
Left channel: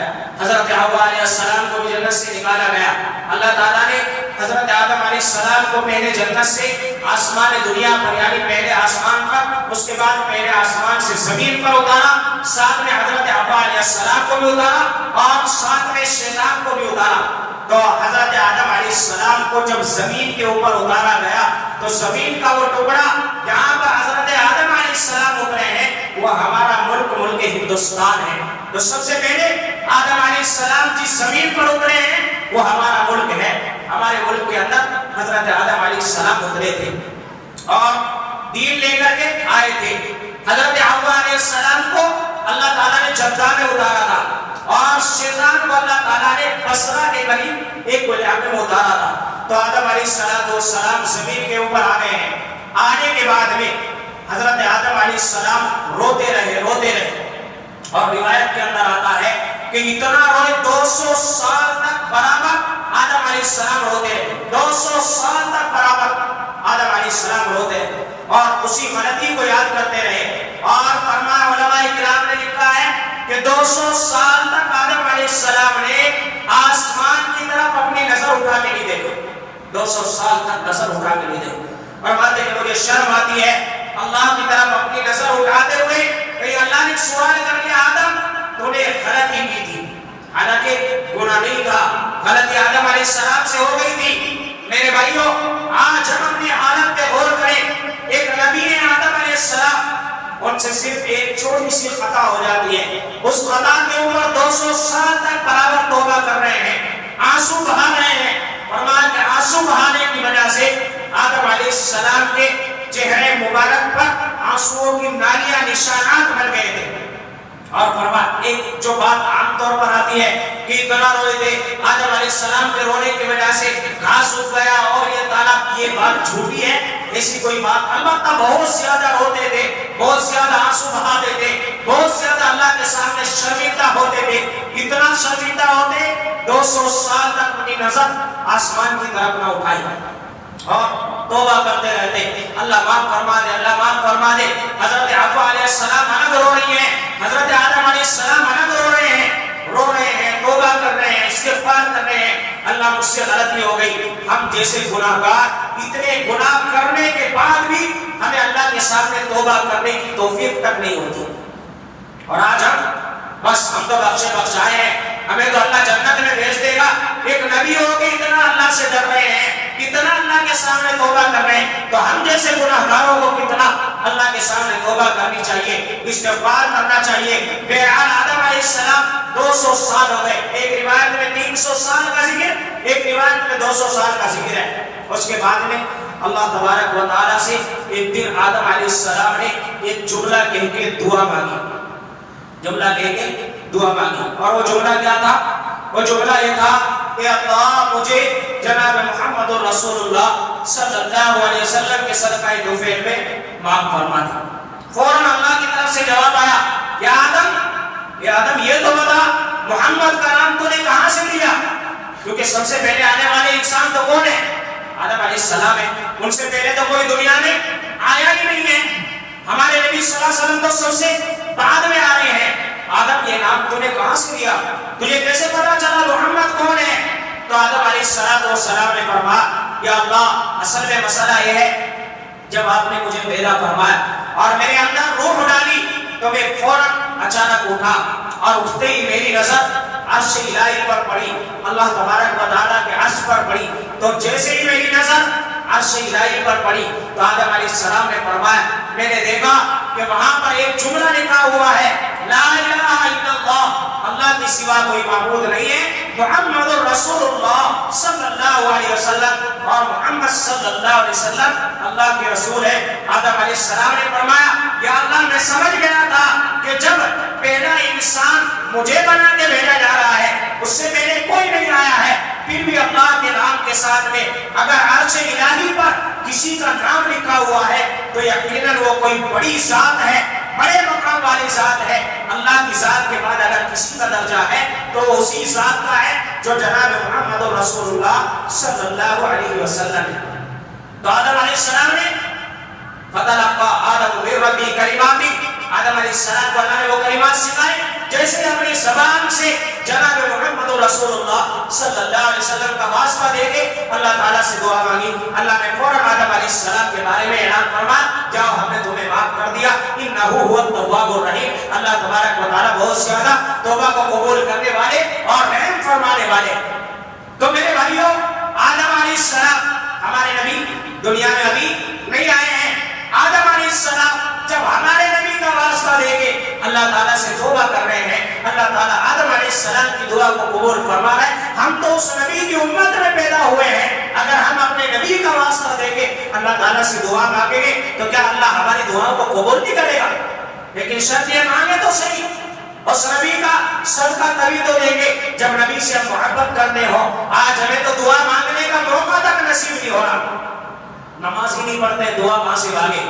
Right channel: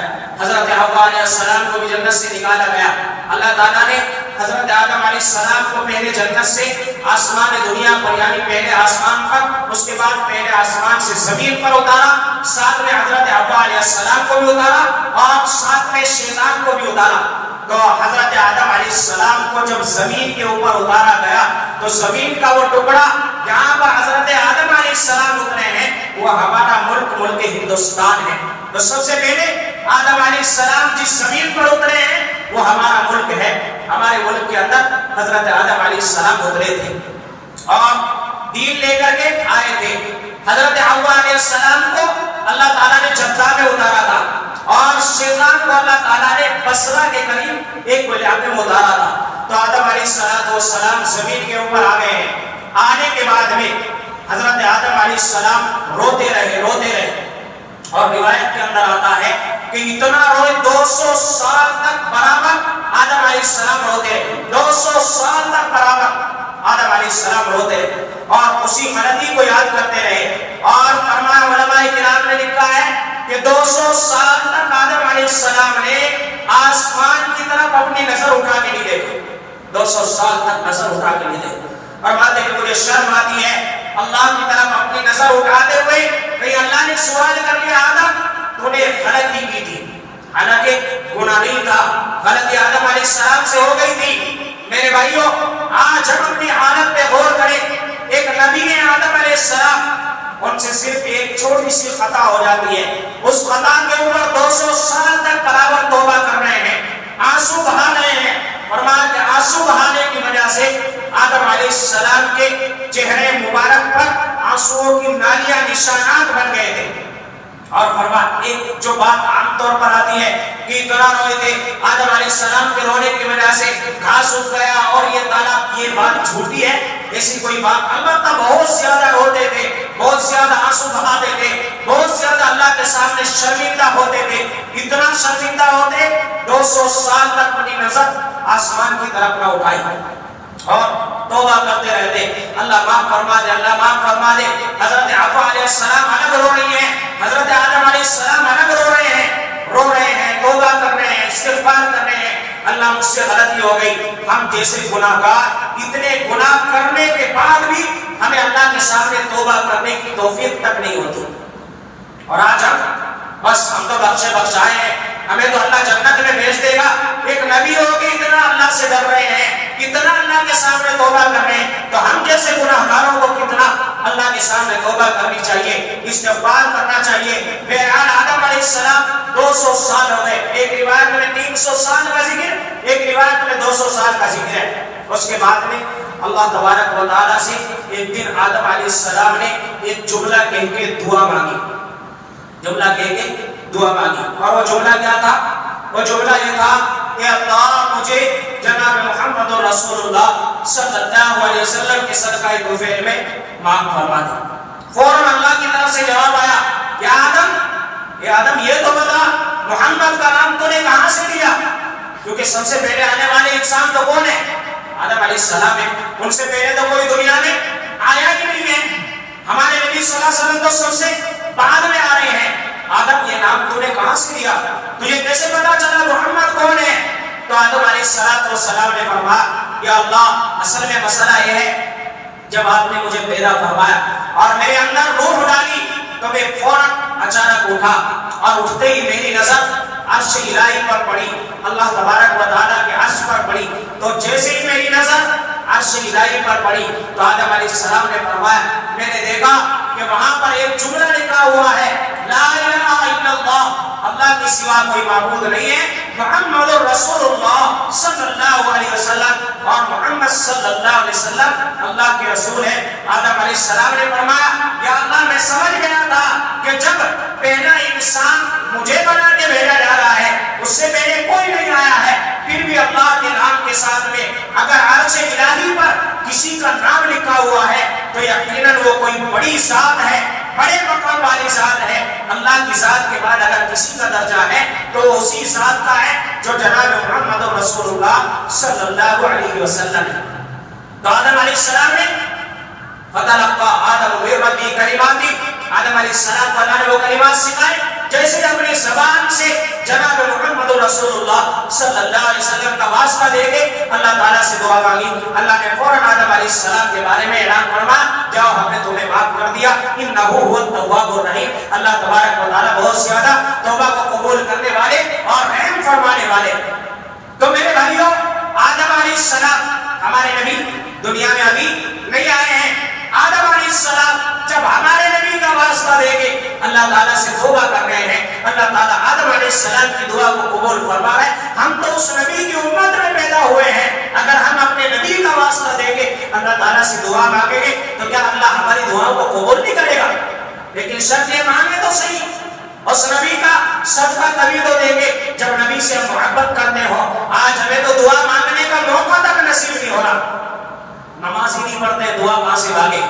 حضرت حوا علیہ السلام کو بھی جنت سے نکالا گیا۔ اللہ تعالیٰ نے حضرت آدم علیہ السلام کو پہلے جنت سے آسمان دنیا پر یعنی پہلے آسمان پر، اس کے بعد پہلے آسمان سے زمین پر اتارا، ساتھ میں حضرت حوا علیہ السلام کو بھی اتارا اور ساتھ میں شیطان کو بھی اتارا۔ تو حضرت آدم علیہ السلام کو جب زمین کے اوپر اتارا گیا تو زمین کا وہ ٹکڑا جہاں پر حضرت آدم علیہ السلام اترے ہیں وہ ہمارا ملک ہندوستان ہے۔ تو سب سے پہلے آدم علیہ السلام جس زمین پر اترے ہیں وہ ہمارا ملک ہے، ہمارے ملک کے اندر حضرت آدم علیہ السلام اترے تھے اور دین لے کر کے آئے تھے۔ حضرت حوا علیہ السلام کو اللہ تعالیٰ نے جدہ میں اتارا تھا اور شیطان کو اللہ تعالیٰ نے بصرہ کے قریب ایک علاقے میں اتارا تھا۔ تو آدم علیہ السلام زمین کے اوپر آ گئے ہیں۔ آنے کے بعد میں حضرت آدم علیہ السلام روتے رہے اور روایت کے اندر آتا ہے کہ اتنا روئے 200 سال تک برابر آدم علیہ السلام روتے، 200 سال تک برابر آدم علیہ السلام روتے اور اسی غلطی کو یاد کرتے رہے. اور فرمایا علماء کرام نے لکھا ہے کہ 200 سال تک آدم علیہ السلام نے آسمان کی طرف اپنی نظر اٹھا کے نہیں دیکھی، 200 سال تک نظر اٹھا کے نہیں دیکھی. اور بات ہے کہ مجھے شرم آتی ہے اللہ کی طرف اپنی نظر اٹھاتے ہوئے کہ اللہ نے سوال کر کے آدم تو نے غلطی کی تھی، حالانکہ گناہ نہیں تھا، غلطی آدم علیہ السلام سے ہو گئی تھی. میرے بھائیوں آج ہم اپنی حالت پہ غور کریں. ایک نبی ہے آدم علیہ السلام، ان سے صرف ایک چھوٹی سی خطا ہو جاتی ہے، اس خطا کے اوپر 200 سال تک برابر توبہ کر رہے ہیں، آنسو بہا رہے ہیں. فرمایا کہ آنسو بہانے کی وجہ سے آدم علیہ السلام کے چہرے مبارک پر آنسوؤں کی نالیاں نشانات بن گئے تھے. اور فرمایا ایک جو بات عام طور پر آتی ہے کہ اتنا روئے تھے آدم علیہ السلام کے رونے کی وجہ سے گھاس اگ گیا اور یہ تالاب، یہ بات جھوٹی ہے، ایسی کوئی بات. البتہ بہت زیادہ روتے تھے، بہت زیادہ آنسو بہاتے تھے، بہت زیادہ اللہ کے سامنے شرمندہ ہوتے تھے. اتنا شرمندہ ہوتے 200 سال تک اپنی نظر آسمان کی طرف نہ اٹھائی اور توبہ کرتے رہتے. اللہ معاف فرما دے، اللہ معاف فرما دے. حضرت حوا علیہ السلام الگ رو رہی ہیں، حضرت آدم علیہ السلام الگ رو رہے ہیں، توبہ کر رہے ہیں، استغفار کر رہے ہیں. اللہ مجھ سے غلطی ہو گئی. ہم جیسے گناہگار اتنے گناہ کرنے کے بعد بھی ہمیں اللہ کے سامنے توبہ کرنے کی توفیق تک نہیں ہوتی. اور آج بس ہم تو بخشائے ہیں، ہمیں تو اللہ جنت میں بھیج دے گا. ایک نبی ہو کے اتنا اللہ سے ڈر رہے ہیں، اتنا اللہ کے سامنے توبہ کر رہے ہیں، تو ہم جیسے گناہگاروں کو کتنا اللہ کے سامنے توبہ کرنی چاہیے، استغفار کرنا چاہیے. بہرحال آدم علیہ السلام 200 سال ہو گئے. ایک روایت میں 300 سال کا ذکر، ایک روایت میں 200 سال کا ذکر ہے. اس کے بعد میں اللہ تبارک و تعالیٰ سے ایک دن آدم علیہ السلام نے ایک جملہ کہہ کے دعا مانگی، اور وہ جملہ کیا تھا؟ وہ جملہ یہ تھا کہ اللہ مجھے جناب محمد رسول اللہ صلی اللہ علیہ وسلم کے صدقہ توفیق میں معاف فرما دے. فوراً اللہ کی طرف سے جواب آیا، یا آدم یہ تو بتا محمد کا نام تو نے کہاں سے دیا؟ کیونکہ سب سے پہلے آنے والے انسان تو کون ہے؟ آدم علیہ السلام ہے. ان سے پہلے تو کوئی دنیا میں آیا ہی نہیں ہے. ہمارے نبی صلی اللہ علیہ وسلم تو سب سے بعد میں آ رہے ہیں. آدم یہ نام تو نے کہاں سے دیا؟ تجھے کیسے پتا چلا محمد کون ہے؟ تو آدم علیہ السلام نے فرمایا، یا اللہ اصل میں مسئلہ یہ ہے جب آپ نے مجھے پیدا فرمایا اور میرے اندر روح ڈالی تو میں فوراً اچانک اٹھا اور اٹھتے ہی میری نظر عرش الہی پر پڑی، اللہ تبارک و تعالیٰ کے عرش پر پڑی. تو جیسے ہی میری نظر عرش الہی پر پڑی تو آدم علیہ السلام نے فرمایا، میں نے دیکھا کہ وہاں پر ایک جملہ لکھا ہوا ہے، لا الہ الا اللہ، اللہ کے سوا کوئی معبود نہیں ہے، محمد رسول اللہ صلی اللہ علیہ وسلم، اور محمد صلی اللہ علیہ وسلم اللہ کے رسول ہے. آدم علیہ السلام نے فرمایا، یا اللہ میں سمجھ گیا تھا کہ جب پہلا انسان مجھے بنا کے بھیجا جا رہا ہے، اس سے پہلے کوئی نہیں آیا ہے، پھر بھی اللہ کے نام کے ساتھ میں اگر عرش الہی پر کسی کا نام لکھا ہوا ہے تو یقیناً وہ کوئی بڑی ذات ہے، بڑے مقام والی ذات ہے. اللہ کی ذات کے بعد اگر کسی کا درجہ ہے تو اسی ذات کا ہے جو جناب محمد رسول اللہ صلی اللہ علیہ وسلم ہے. تو آدم علیہ السلام نے فتلقى آدم من ربه کلمات، آدم علیہ السلام کو اللہ نے وہ کلمات سکھائے جیسے اپنی زبان سے جناب محمد رسول اللہ صلی اللہ علیہ وسلم کا واسطہ دے کے اللہ تعالیٰ سے دعا مانگی. اللہ نے فوراً آدم علیہ السلام کے بارے میں اعلان فرمایا، جاؤ ہم نے تمہیں معاف کر دیا، انہ هو التواب الرحیم. اللہ تبارک و تعالیٰ بہت زیادہ توبہ کو قبول کرنے والے اور رحم فرمانے والے. تو میرے بھائیوں آدم علیہ السلام ہمارے نبی دنیا میں ابھی نہیں آئے ہیں. آدم علیہ السلام جب ہمارے نبی کا واسطہ دے کے اللہ تعالیٰ سے توبہ کر رہے ہیں، اللہ تعالیٰ آدم علیہ السلام کی دعا کو قبول فرما رہے ہیں. ہم تو اس نبی کی امت میں پیدا ہوئے ہیں، اگر ہم اپنے نبی کا واسطہ دے کے اللہ تعالیٰ سے دعا مانگیں گے تو کیا اللہ ہماری دعاؤں کو قبول نہیں کرے گا؟ لیکن شرط یہ مانگے تو صحیح، اس نبی کا صدقہ تبھی تو دیں گے جب نبی سے محبت کرتے ہو. آج ہمیں تو دعا مانگنے کا موقع تک نصیب نہیں ہو رہا. نماز ہی نہیں پڑھتے، دعا کہاں سے مانگے؟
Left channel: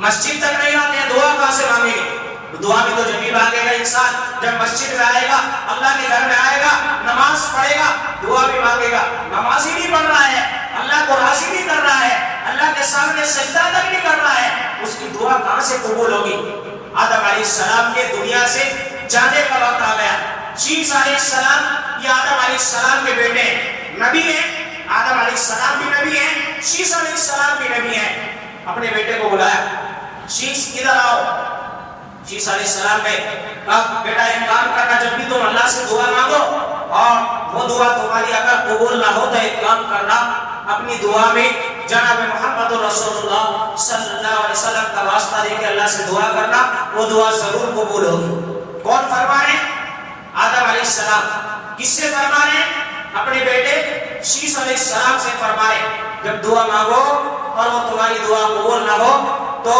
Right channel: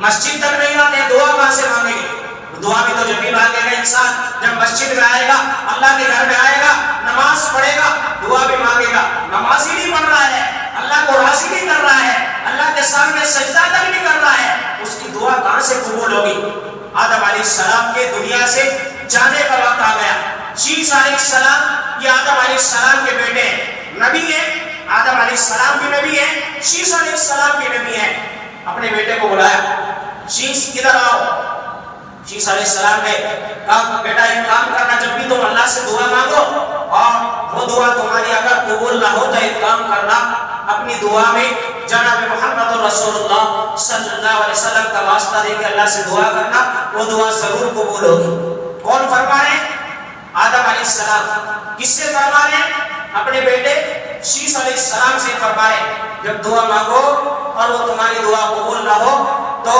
مسجد تک نہیں آتے ہیں دعا کہاں سے مانگیں گے؟ دعا بھی تو جب بھی مانگے گا انسان جب مسجد میں آئے گا، اللہ کے گھر میں آئے گا، نماز پڑھے گا، دعا بھی مانگے گا۔ نماز ہی نہیں پڑھ رہا ہے، اللہ کو راضی نہیں کر رہا ہے، اللہ کے سامنے سجدہ تک نہیں کر رہا ہے، اس کی دعا کہاں سے قبول ہوگی؟ آدم علیہ السلام کے دنیا سے جانے کا وقت آ گیا۔ شیش علیہ السلام یہ آدم علیہ السلام کے بیٹے ہیں، نبی ہیں۔ آدم علیہ السلام بھی نبی ہیں، شیش علیہ السلام بھی نبی ہیں۔ اپنے بیٹے کو بلایا، شیش ادھر آؤ۔ شیش علیہ السلام نے کہا بیٹا ایک کام کرنا، جب بھی تم اللہ سے دعا مانگو اور وہ دعا تمہاری اگر قبول نہ ہو تو ایک کام کرنا، اپنی دعا میں جناب محمد رسول اللہ صلی اللہ علیہ وسلم کا واسطہ دے کے اللہ سے دعا کرنا، وہ دعا ضرور قبول ہوگی۔ کون فرما رہے ہیں؟ آدم علیہ السلام۔ کس سے فرما رہے ہیں؟ اپنے بیٹے شیش علیہ السلام سے فرما رہے ہیں جب دعا مانگو اور وہ تمہاری دعا قبول نہ ہو تو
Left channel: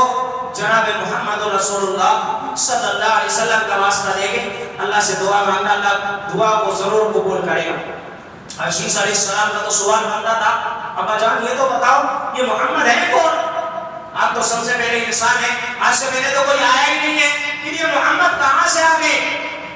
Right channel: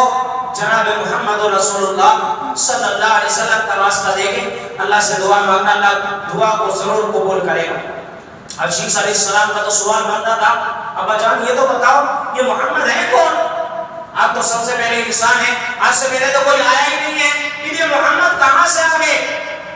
جناب محمد رسول اللہ صلی اللہ علیہ وسلم کا واسطہ دے کے اللہ سے دعا مانگنا، اللہ دعا کو ضرور قبول کرے گا۔ اب شیش علیہ السلام کا تو سوال بنتا تھا، ابا جان یہ تو بتاؤ یہ محمد ہے کون؟ آپ تو سب سے پہلے انسان ہیں، آج سے پہلے تو کوئی آیا ہی نہیں ہے، کہ یہ محمد کہاں سے آ گئے؟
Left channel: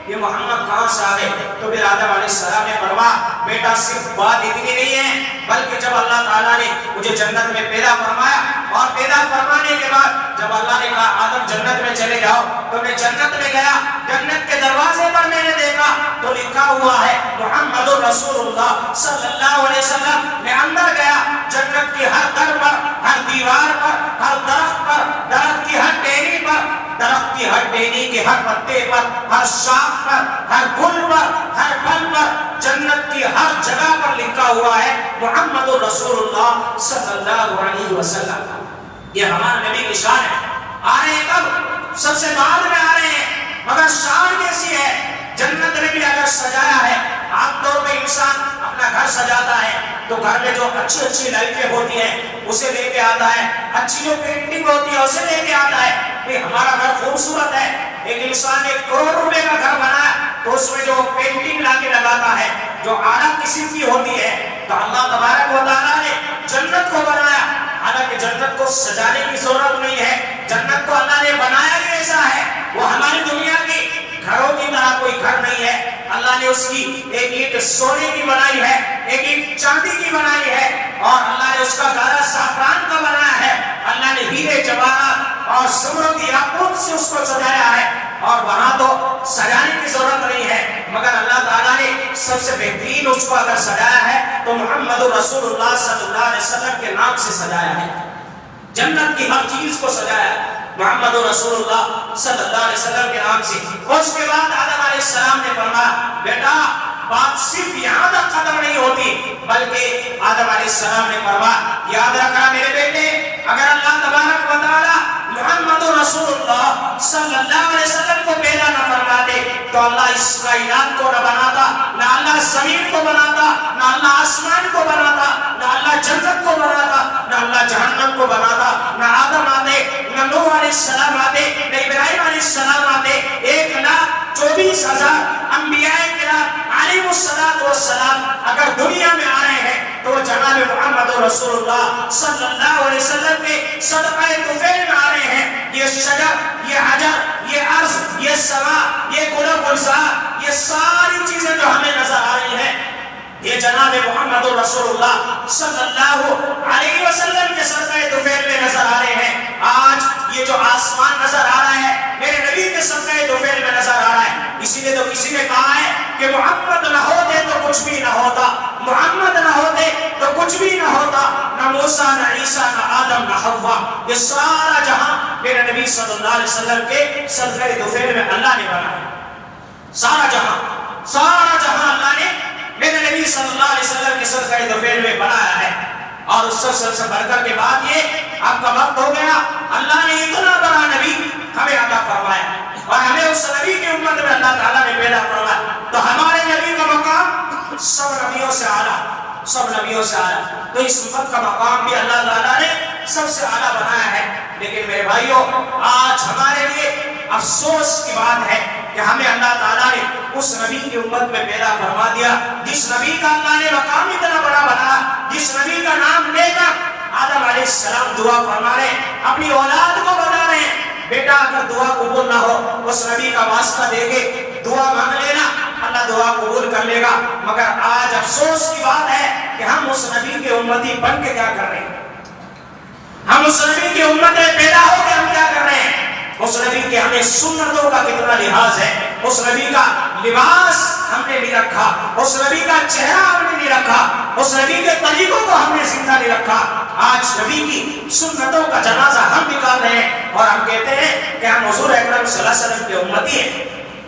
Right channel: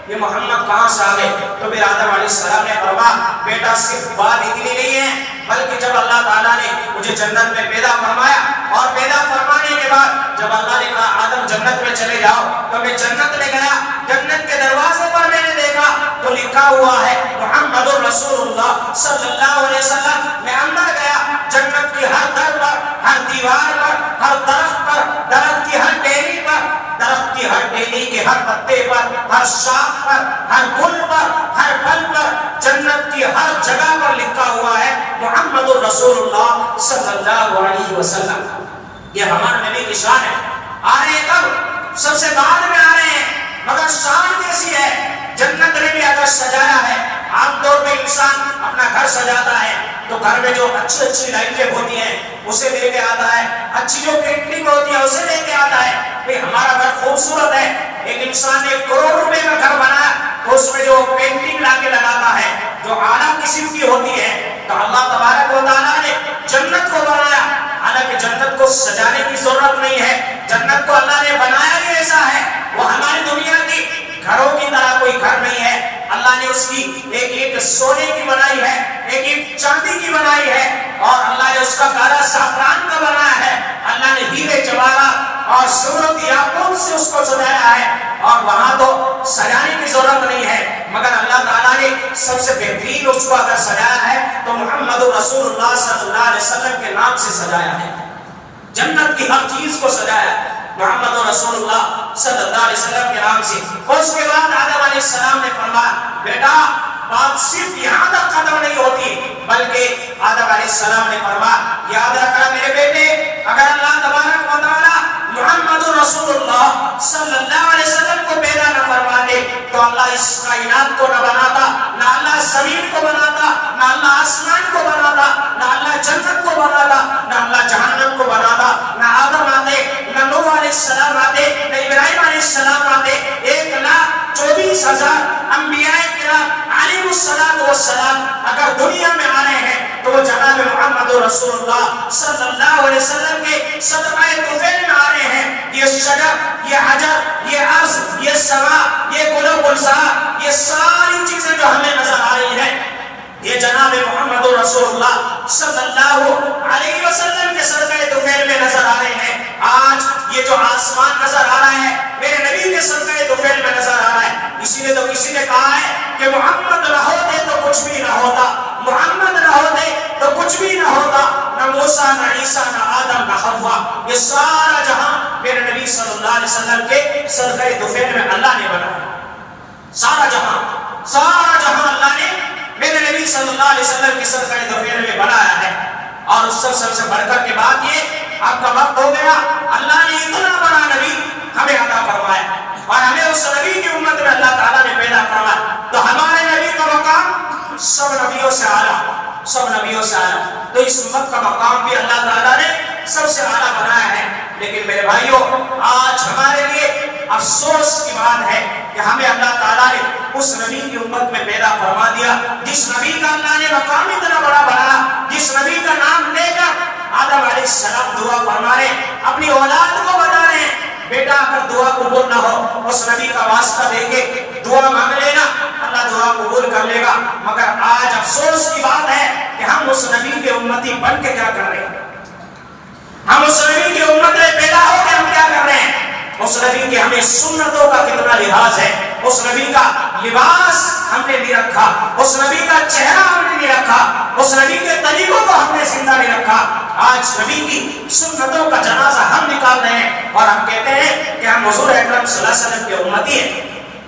یہ محمد کہاں سے آ گئے؟ تو پھر آدم علیہ السلام نے فرمایا بیٹا صرف بات اتنی نہیں ہے، بلکہ جب اللہ تعالیٰ نے مجھے جنت میں پیدا فرمایا اور پیدا فرمانے کے بعد جب اللہ نے کہا آدم جنت میں چلے جاؤ تو میں جنت میں گیا، جنت کے دروازے پر میں نے دیکھا تو لکھا ہوا ہے محمد رسول اللہ صلی اللہ علیہ وسلم۔ میں اندر گیا، جنت کی ہر در پر، ہر دیوار پر، ہر درخت پر، درخت کی ہر ٹہنی پر، درخت کی ہر ٹہنی کے ہر پتے پر، ہر شاخ پر، ہر گل پر، ہر پھل پر، جنت کی ہر جگہ پر لکھا ہوا ہے محمد رسول اللہ صلی اللہ علیہ وسلم۔ یہ ہمارا نبی کی شان ہے۔ آ رہے ہیں کب؟ سب سے بعد میں آ رہے ہیں، مگر شان کیسی ہے؟ جنت میں بھی اگر سجانا ہے، عام طور پہ انسان اپنا گھر سجاتا ہے تو گھر میں جو اچھی اچھی لائٹیں ہوتی ہیں اسے لے کے آتا ہے، اچھی جو پینٹنگ ہوتی ہے اسے لے کے آتا ہے کہ ہمارا گھر خوبصورت ہے۔ ایک انسان نے 1 کروڑ روپے کا گھر بنایا تو اس میں جو پینٹنگ لا کے لگاتا ہے جو اعلیٰ قسم کی ہوتی ہے، تو اللہ تبارک و تعالیٰ نے جنت کو بنایا۔ حالانکہ جنت کو سجانے کی ضرورت نہیں ہے، جنت کو اللہ نے بنایا ہی ایسا ہے، وہ ہماری دنیا کی گھروں کی طرح کوئی گھر نہیں ہے۔ اللہ نے اس کی ایک سونے کی بنائی ہے، ایک چاندی کی بنائی ہے، اور اللہ نے اس کا گارا زعفران کا بنایا ہے۔ اللہ نے ہیرے جواہرات اور زمرد یاقوت سے اس کو سجایا ہے، اور وہاں تو سجانے کی ضرورت نہیں ہے، مگر اللہ تعالیٰ نے سب سے بہترین اس کو اگر سجایا ہے تو محمد رسول اللہ صلی اللہ علیہ وسلم کے نام سے سجایا ہے۔ جنت کی ہر چیز کو سجایا محمد رسول اللہ صلی اللہ علیہ وسلم کے نام سے۔ اور اس کے بعد آدم علیہ السلام نے فرمایا بیٹا بات صرف یہاں تک ختم نہیں ہوتی، بلکہ آدم علیہ السلام نے فرمایا یاد رکھنا میرے بیٹے، اگر اللہ تبارک و تعالیٰ محمد رسول اللہ صلی اللہ علیہ وسلم کو پیدا نہ فرماتے تو اللہ اس کائنات کو نہ بناتا، نہ اللہ زمین کو بناتا، نہ اللہ آسمان کو بناتا، نہ اللہ جنت کو بناتا، نہ اللہ جہنم کو بناتا، نہ آدم آتے، نہ نوح علیہ السلام آتے، نہ ابراہیم علیہ السلام آتے۔ 1,24,000 انبیاء کرام علیہ السلام اگر دنیا میں آ رہے ہیں تو وہ جناب محمد رسول اللہ صلی اللہ علیہ وسلم کے صدقہ طفیل میں آ رہے ہیں۔ یہ شجر، یہ حجر، یہ عرض، یہ سما، یہ گل و گلزار، یہ ساری چیزیں جو ہمیں نظر آ رہی ہیں یہ جناب محمد رسول اللہ صلی اللہ علیہ وسلم کے صدقہ طفیل میں نظر آ رہے ہیں۔ آج یہ جو آسمان نظر آ رہا ہے میرے نبی کے صدقہ طفیل میں نظر آ رہا ہے۔ اسی لیے تو کسی نے کہا ہے کہ محمد نہ ہوتے تو کچھ بھی نہ ہوتا، محمد نہ ہوتے تو کچھ بھی نہ ہوتا، نہ موسیٰ نہ عیسیٰ نہ آدم نہ حوا، یہ سارا جہاں میرے نبی صلی اللہ علیہ وسلم کے صدقہ طفیل میں اللہ نے بنایا۔ سارا جہاں اللہ نے میرے نبی صلی اللہ علیہ وسلم کی صدقہ طفیل میں بنایا ہے۔ اور اس سب سے بڑھ کر کے بات یہ آپ کا وقت ہو گیا، اللہ نے اتنا بڑا نبی ہمیں عطا فرمایا اور ہمیں اس نبی کی امت میں اللہ تعالیٰ نے پیدا فرمایا، تو ہمارے نبی کا مقام سب نبیوں سے اعلیٰ، تو اس امت کا مقام بھی اللہ تعالیٰ نے سب سے اعلیٰ بنایا ہے۔ لیکن میرے بھائیوں آج ہمارے لیے افسوس کی بات ہے کہ ہمیں اللہ تعالیٰ نے اس نبی کی امت میں پیدا فرما دیا جس نبی کا اللہ نے مقام اتنا بڑا بنایا، جس نبی کا نام لے کر آدم علیہ السلام دعا فرما رہے ہیں، اپنی اولاد کو بتا رہے ہیں بیٹا اگر دعا قبول نہ ہو اس نبی کا واسطہ دے کے دعا مانگ لینا، اللہ دعا قبول کر لے گا۔ مگر آج افسوس کی بات ہے کہ ہم اس نبی کے امتی بن کے کیا کر رہے ہیں، ہم اس نبی کی امت میں پیدا ہو کے ہم کیا کر رہے ہیں؟ اس نبی کے ہمیں سنتوں کا کتنا لحاظ ہے، اس نبی کا لباس ہم نے نہیں رکھا، اس نبی کا چہرہ ہم نے نہیں رکھا، اس نبی کے طریقوں کو ہم نے زندہ نہیں رکھا۔ آج نبی کی سنتوں کا جنازہ ہم نکال رہے ہیں اور ہم کہتے ہیں کہ ہم حضور اکرم صلی اللہ علیہ وسلم کے امتی ہیں۔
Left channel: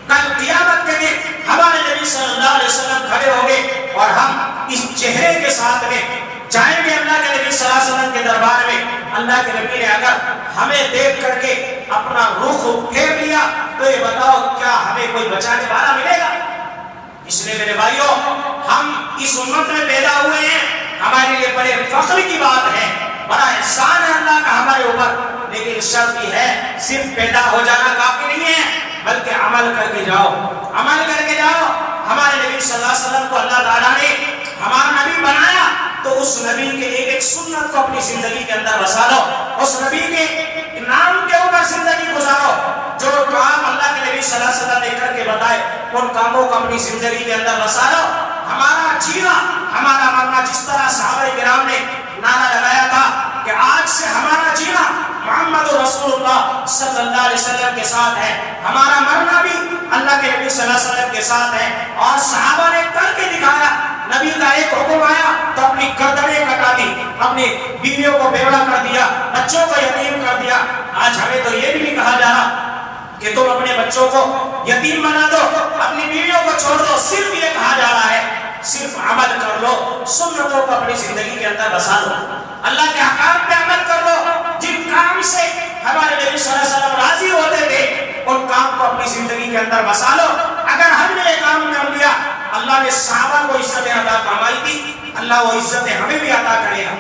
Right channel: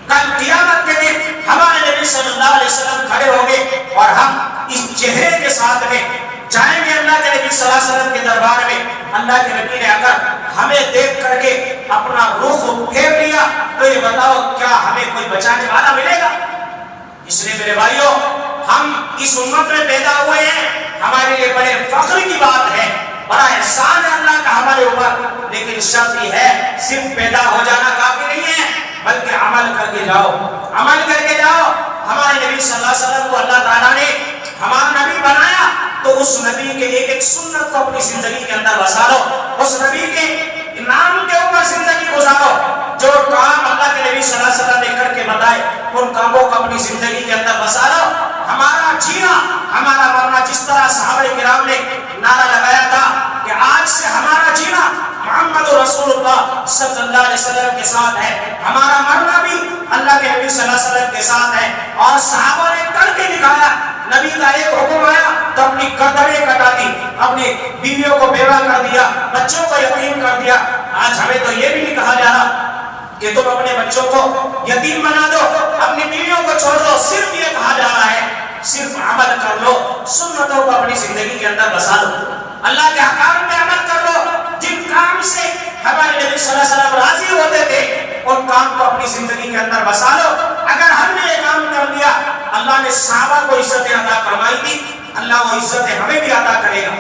کل قیامت کے دن ہمارے نبی صلی اللہ علیہ وسلم کھڑے ہوں گے اور ہم اس چہرے کے ساتھ میں جائیں گے اللہ کے نبی صلی اللہ علیہ وسلم کے دربار میں۔ اللہ کے نبی نے اگر ہمیں دیکھ کر کے اپنا رخ پھیر لیا تو یہ بتاؤ کیا ہمیں کوئی بچانے والا ملے گا؟ اس لیے میرے بھائیوں، ہم اس امت میں پیدا ہوئے ہیں، ہمارے لیے بڑے فخر کی بات ہے، بڑا احسان ہے اللہ کا ہمارے اوپر، لیکن شرط یہ ہے صرف پیدا ہو جانا کافی نہیں ہے بلکہ عمل کر کے جاؤ، عمل کر کے جاؤ۔ ہمارے نبی صلی اللہ علیہ وسلم کو اللہ تعالیٰ نے ہمارا نبی بنایا تو اس نبی کے ایک ایک سنت کو اپنی زندگی کے اندر بسا لو، اس نبی کے نام کے اوپر زندگی گزارو۔ جو کام اللہ کے نبی صلی اللہ علیہ وسلم نے کر کے بتائے ان کاموں کو اپنی زندگی کے اندر بسا لو۔ ہمارا جینا، ہمارا مرنا، جس طرح صحابہ کرام نے نعرہ لگایا تھا کہ آج سے ہمارا جینا محمد رسول اللہ صلی اللہ علیہ وسلم کے ساتھ ہے، ہمارا مرنا بھی اللہ کے نبی صلی اللہ علیہ وسلم کے ساتھ ہے۔ اور صحابہ نے کر کے دکھایا، نبی کا ایک حکم آیا تو اپنی گردنیں کٹا دی، اپنی بیویوں کو بیوہ کر دیا، بچوں کو یتیم کر دیا۔ آج ہمیں تو یہ بھی نہیں کہا جا رہا کہ تم اپنے بچوں کو یتیم بنا دو، اپنی بیویوں کو چھوڑ دو، صرف یہ کہا جا رہا ہے صرف عمل کر لو، سنتوں کو اپنی زندگی کے اندر بسا لو، اللہ کے احکام پہ عمل کر لو۔ جن کام سے ہمارے نبی صلی اللہ علیہ وسلم راضی ہوتے تھے ان کام کو اپنی زندگی کے اندر بسا لو۔ اگر ہم نے یہ کام کر لیا، اللہ نے صحابہ کو عزتیں عطا فرمائی تھی، اللہ وہ عزتیں ہمیں بھی عطا کرے گا۔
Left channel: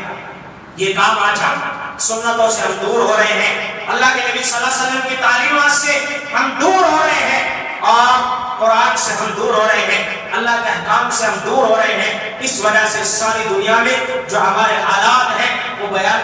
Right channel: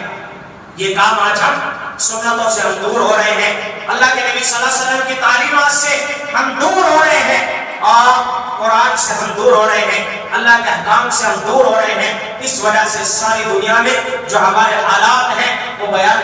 یہ کام آج ہم سنتوں سے ہم دور ہو رہے ہیں، اللہ کے نبی صلی اللہ علیہ وسلم کی تعلیمات سے ہم دور ہو رہے ہیں اور قرآن سے ہم دور ہو رہے ہیں، اللہ کے احکام سے ہم دور ہو رہے ہیں۔ اس وجہ سے ساری دنیا میں جو ہمارے حالات ہیں وہ بیان